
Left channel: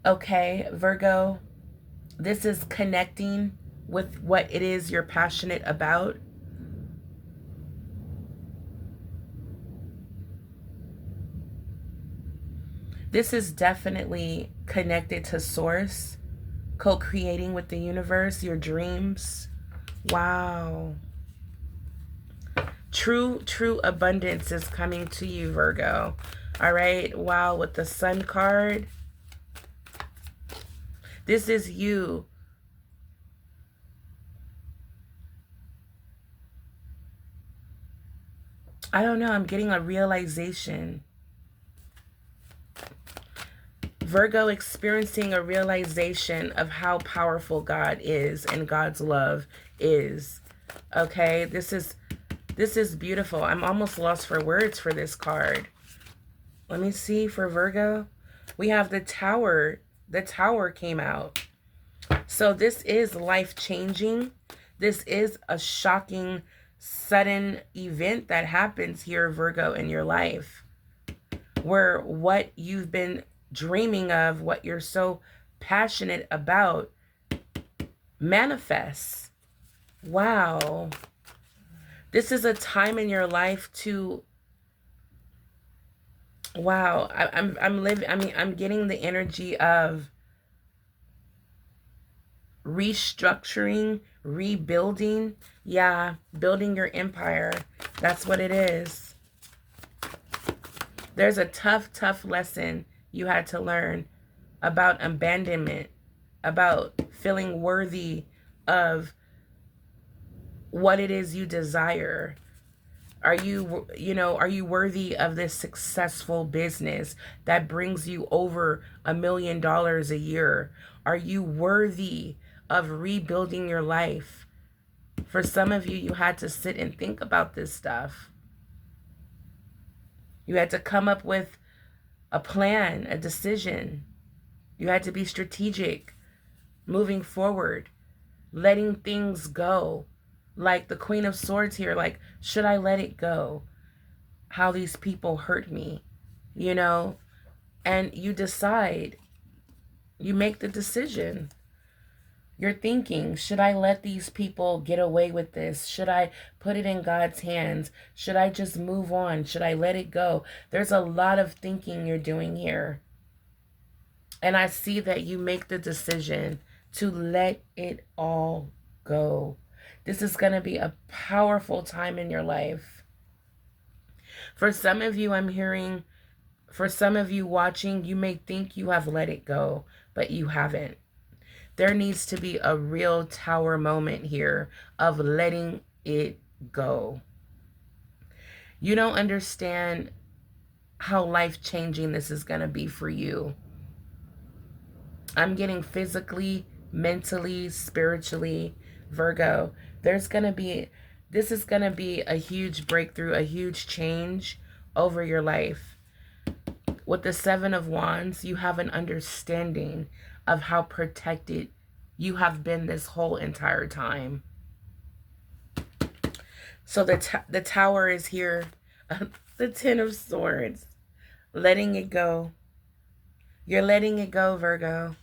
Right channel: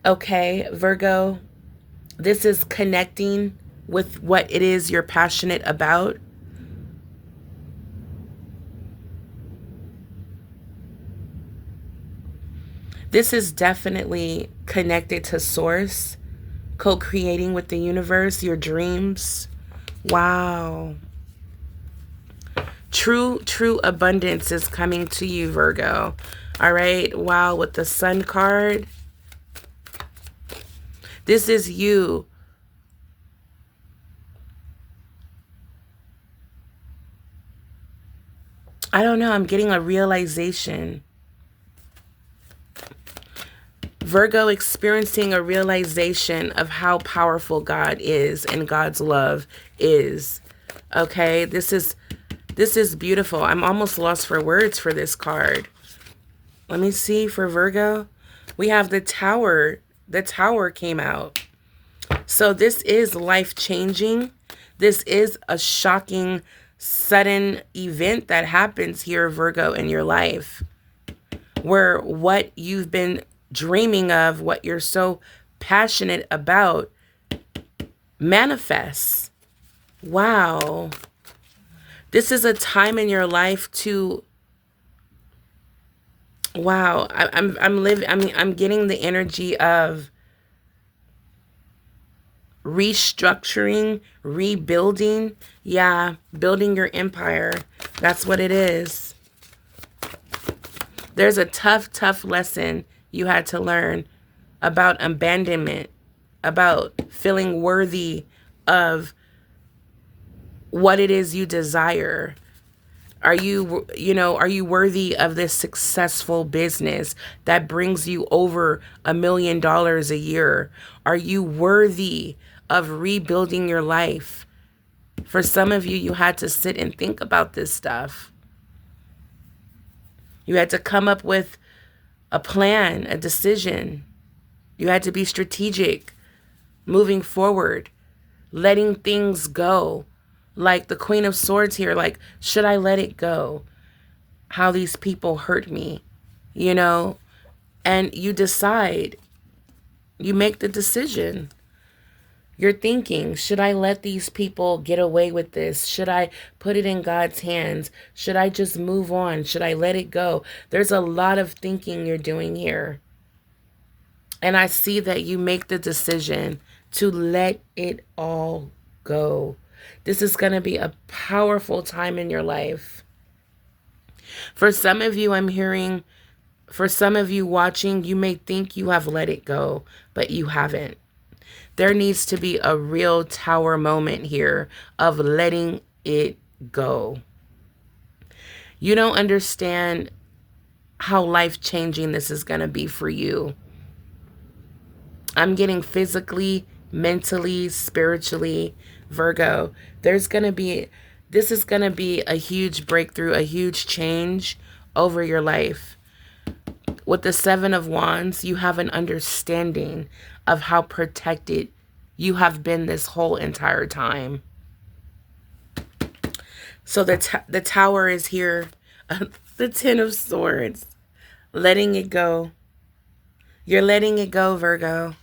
Okay, Virgo, this is connecting with what it is you're passionate about. This is definitely connected to Source, co-creating with the universe, your dreams. Wow. True abundance is coming to you, Virgo. All right. Wow. With the Sun card. This is you. I don't know. I'm getting a realization. Virgo experiencing a realization of how powerful God is and God's love is. Okay, this is beautiful. I'm almost lost for words for this card. Let me see for Virgo. We have the Tower. The Tower came out. So this is life-changing. This is a shocking, sudden event that happens here, Virgo, in your life, where what you've been dreaming of, what you're so passionate about, manifests. Wow. This is a time in your life to, wow. I'm living, I mean, I'm getting the energy of restructuring, rebuilding. Yeah, building your empire. That's what it is. There's a tough, tough lesson you had to learn about abandonment, about feeling worthy of what it is you desire. Are you, are you worthy of this successful business that brings you over $1 million a year? Are you worthy of rebuilding your life? For some of you, you had to sit and think about this stuff. You had to come up with a plan, a decision. You had to be strategic, moving forward, letting things go. Like the Queen of Swords here, like, should I let it go? How these people hurt me, and you decide, you make the decision. You're thinking, should I let these people get away with this? Should I put it in God's hands? Should I just move on? Should I let it go? There's a lot of thinking you're doing here. And I see that you make the decision to let it all go. This is going to be a powerful time in your life. For some of you, I'm hearing, for some of you watching, you may think you have let it go, but you haven't. There needs to be a real tower moment here of letting it go. You don't understand how life-changing this is going to be for you. I'm getting physically, mentally, spiritually, Virgo. This is going to be a huge breakthrough, a huge change over your life. With the Seven of Wands, you have an understanding of how protected you have been this whole entire time. So the Tower is here. The Ten of Swords. Letting it go. You're letting it go, Virgo.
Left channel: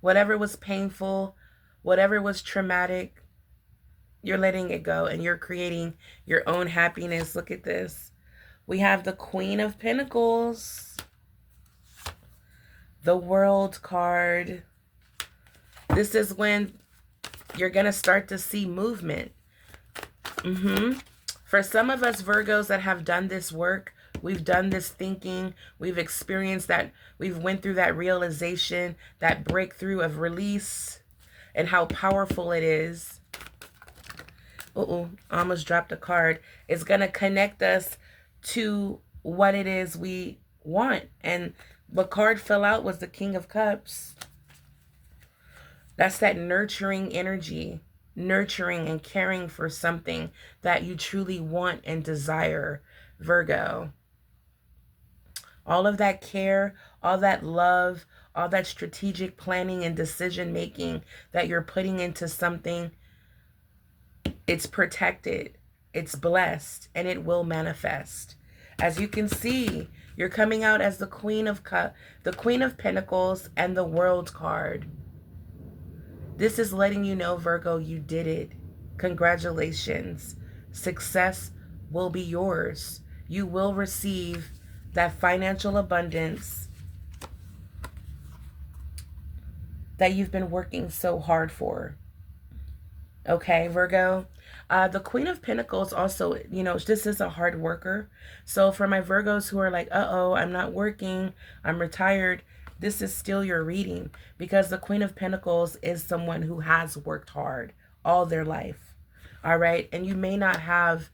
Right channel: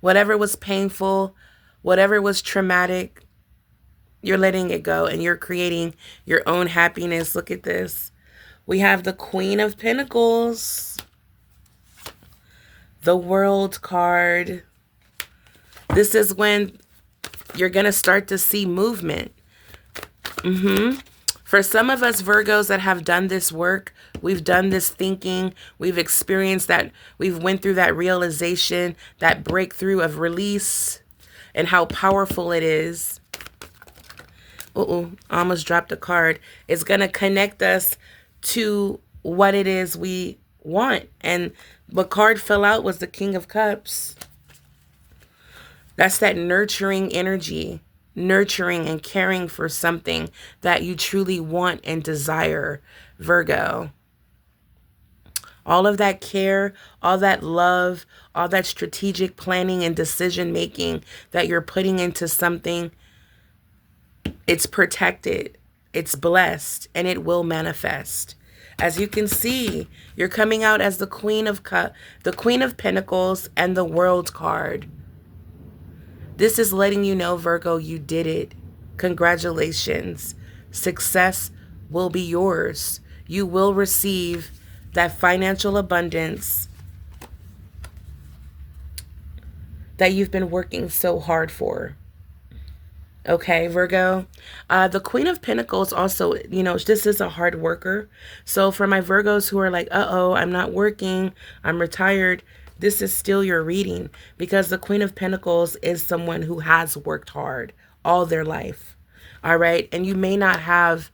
Whatever was painful, whatever was traumatic, you're letting it go and you're creating your own happiness. Look at this. We have the Queen of Pentacles. The World card. This is when you're going to start to see movement. For some of us Virgos that have done this work, we've done this thinking, we've experienced that, we've went through that realization, that breakthrough of release and how powerful it is. I almost dropped a card. It's going to connect us to what it is we want. And the card fell out was the King of Cups. That's that nurturing energy, nurturing and caring for something that you truly want and desire, Virgo. All of that care, all that love, all that strategic planning and decision making that you're putting into something, it's protected, it's blessed, and it will manifest. As you can see, you're coming out as the Queen of Pentacles and the World card. This is letting you know, Virgo, you did it. Congratulations. Success will be yours. You will receive that financial abundance that you've been working so hard for. Okay, Virgo. The Queen of Pentacles also, this is a hard worker. So for my Virgos who are like, I'm not working, I'm retired, this is still your reading, because the Queen of Pentacles is someone who has worked hard all their life. All right. And you may not have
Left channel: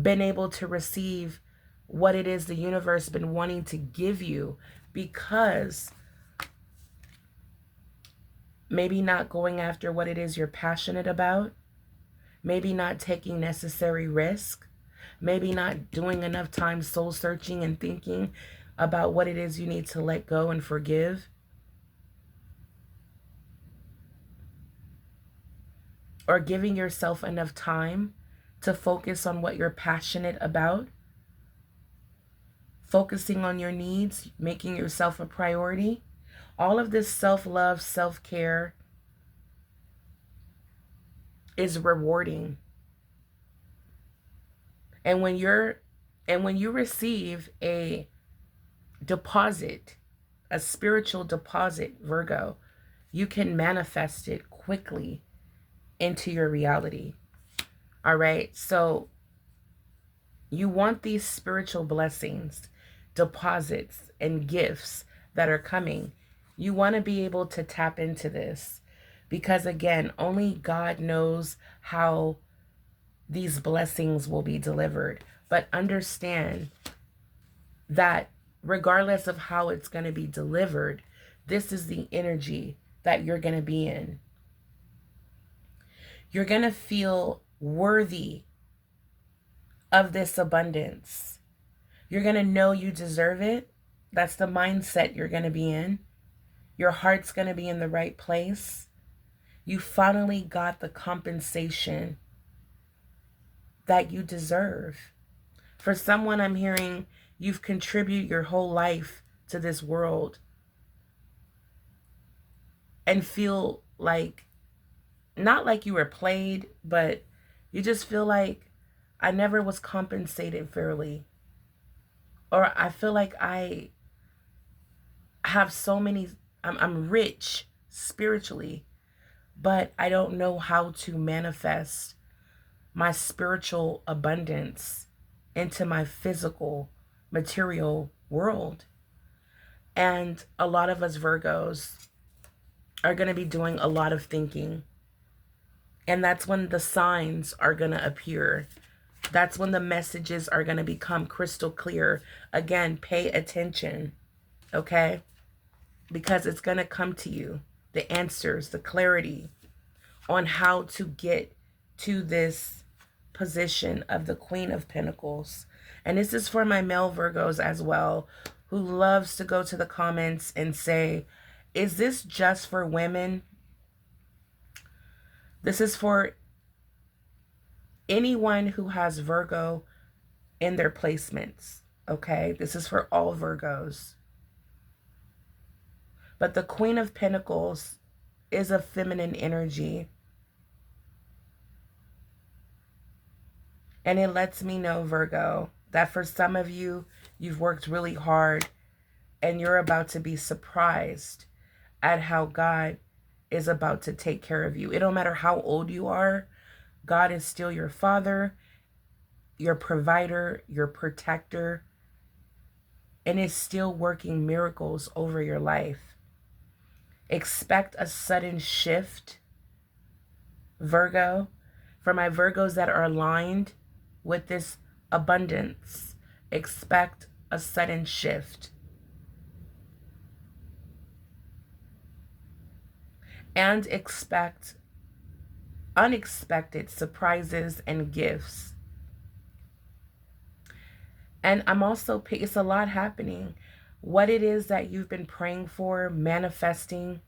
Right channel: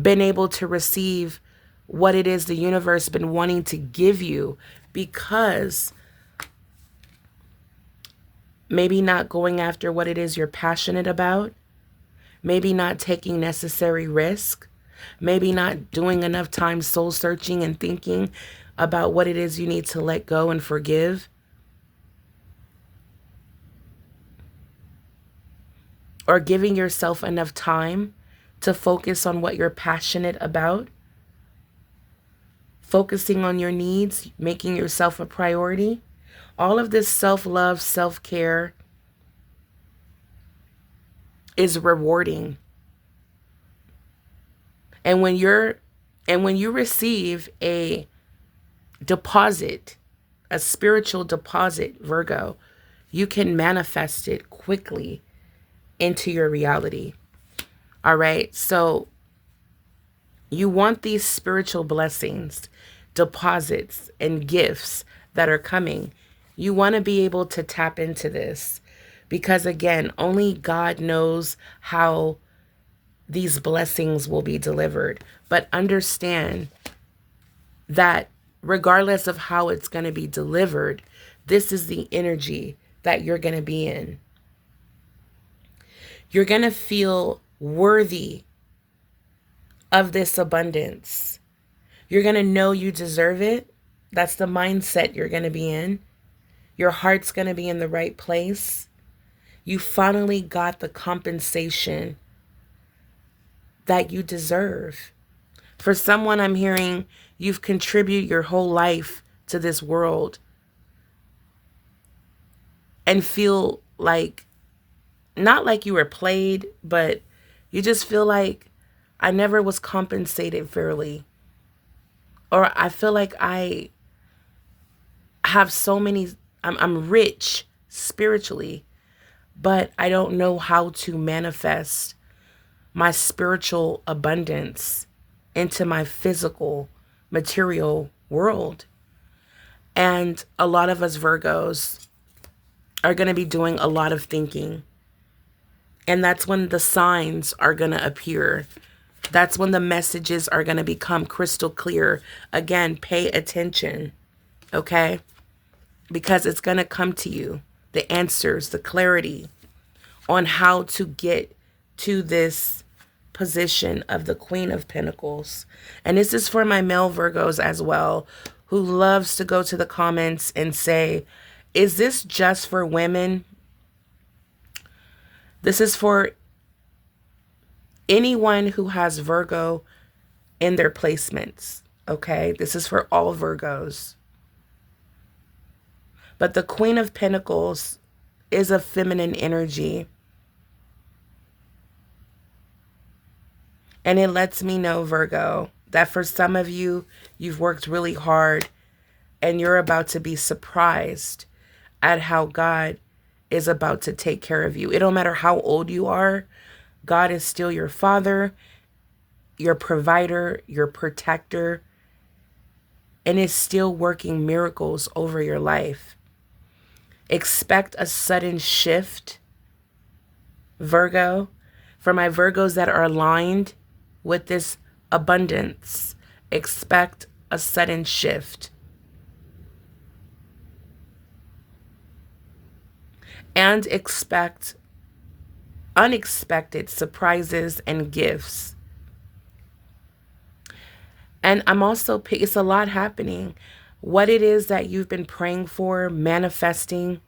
been able to receive what it is the universe been wanting to give you, because maybe not going after what it is you're passionate about, maybe not taking necessary risk, maybe not doing enough time soul searching and thinking about what it is you need to let go and forgive, or giving yourself enough time to focus on what you're passionate about, focusing on your needs, making yourself a priority. All of this self-love, self-care, is rewarding. And when you receive a deposit, a spiritual deposit, Virgo, you can manifest it quickly into your reality. All right? So you want these spiritual blessings, deposits, and gifts that are coming. You want to be able to tap into this because, again, only God knows how these blessings will be delivered. But understand that regardless of how it's going to be delivered, this is the energy that you're going to be in. You're going to feel worthy of this abundance. You're going to know you deserve it. That's the mindset you're going to be in. Your heart's going to be in the right place. You finally got the compensation that you deserve. For someone, I'm hearing you've contributed your whole life to this world and feel like, not like you were played, but you just feel like I never was compensated fairly. Or I feel like I have so many, I'm rich spiritually, but I don't know how to manifest my spiritual abundance into my physical, material world. And a lot of us Virgos are going to be doing a lot of thinking. And that's when the signs are going to appear. That's when the messages are going to become crystal clear. Again, pay attention, okay? Because it's going to come to you. The answers, the clarity on how to get to this position of the Queen of Pentacles. And this is for my male Virgos as well, who loves to go to the comments and say, is this just for women? This is for anyone who has Virgo in their placements, okay? This is for all Virgos. But the Queen of Pentacles is a feminine energy. And it lets me know, Virgo, that for some of you, you've worked really hard and you're about to be surprised at how God is about to take care of you. It don't matter how old you are. God is still your father, your provider, your protector, and is still working miracles over your life. Expect a sudden shift, Virgo. For my Virgos that are aligned with this abundance, expect a sudden shift. And expect unexpected surprises and gifts. And I'm also, it's a lot happening. What it is that you've been praying for, manifesting.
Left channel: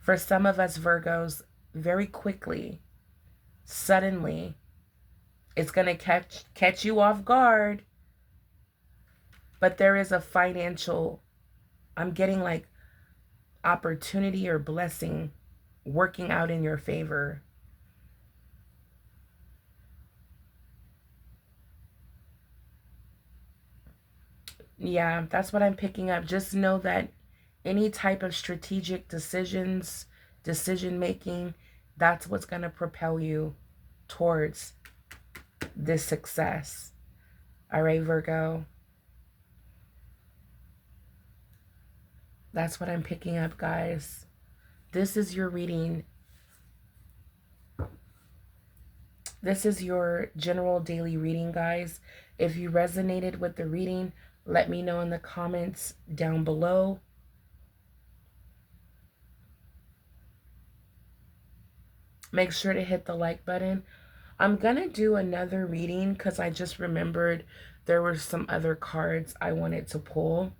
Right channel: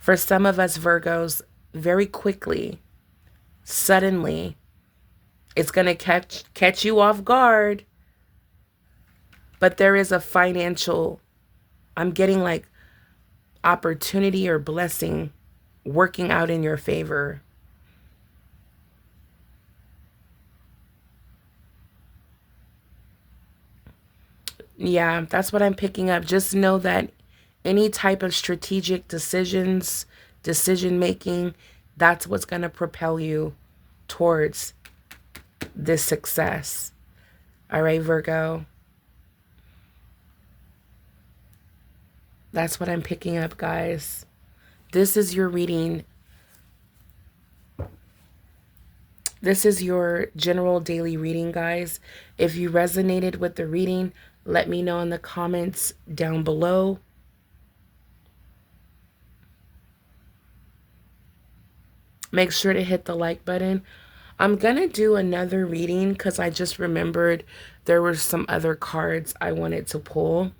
For some of us Virgos, very quickly, suddenly, it's going to catch you off guard. But there is a financial, I'm getting like opportunity or blessing working out in your favor. Yeah, that's what I'm picking up. Just know that any type of strategic decisions, decision making, that's what's going to propel you towards this success. All right, Virgo. That's what I'm picking up, guys. This is your reading. This is your general daily reading, guys. If you resonated with the reading, let me know in the comments down below. Make sure to hit the like button. I'm going to do another reading because I just remembered there were some other cards I wanted to pull.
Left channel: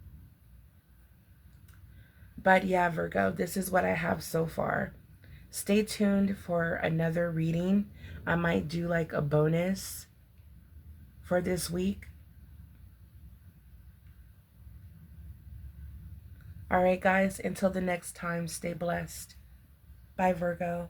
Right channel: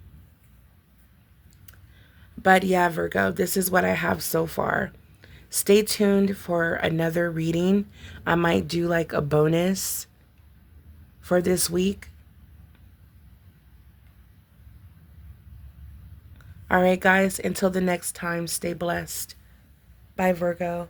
But yeah, Virgo, this is what I have so far. Stay tuned for another reading. I might do like a bonus for this week. All right, guys, until the next time, stay blessed. Bye, Virgo.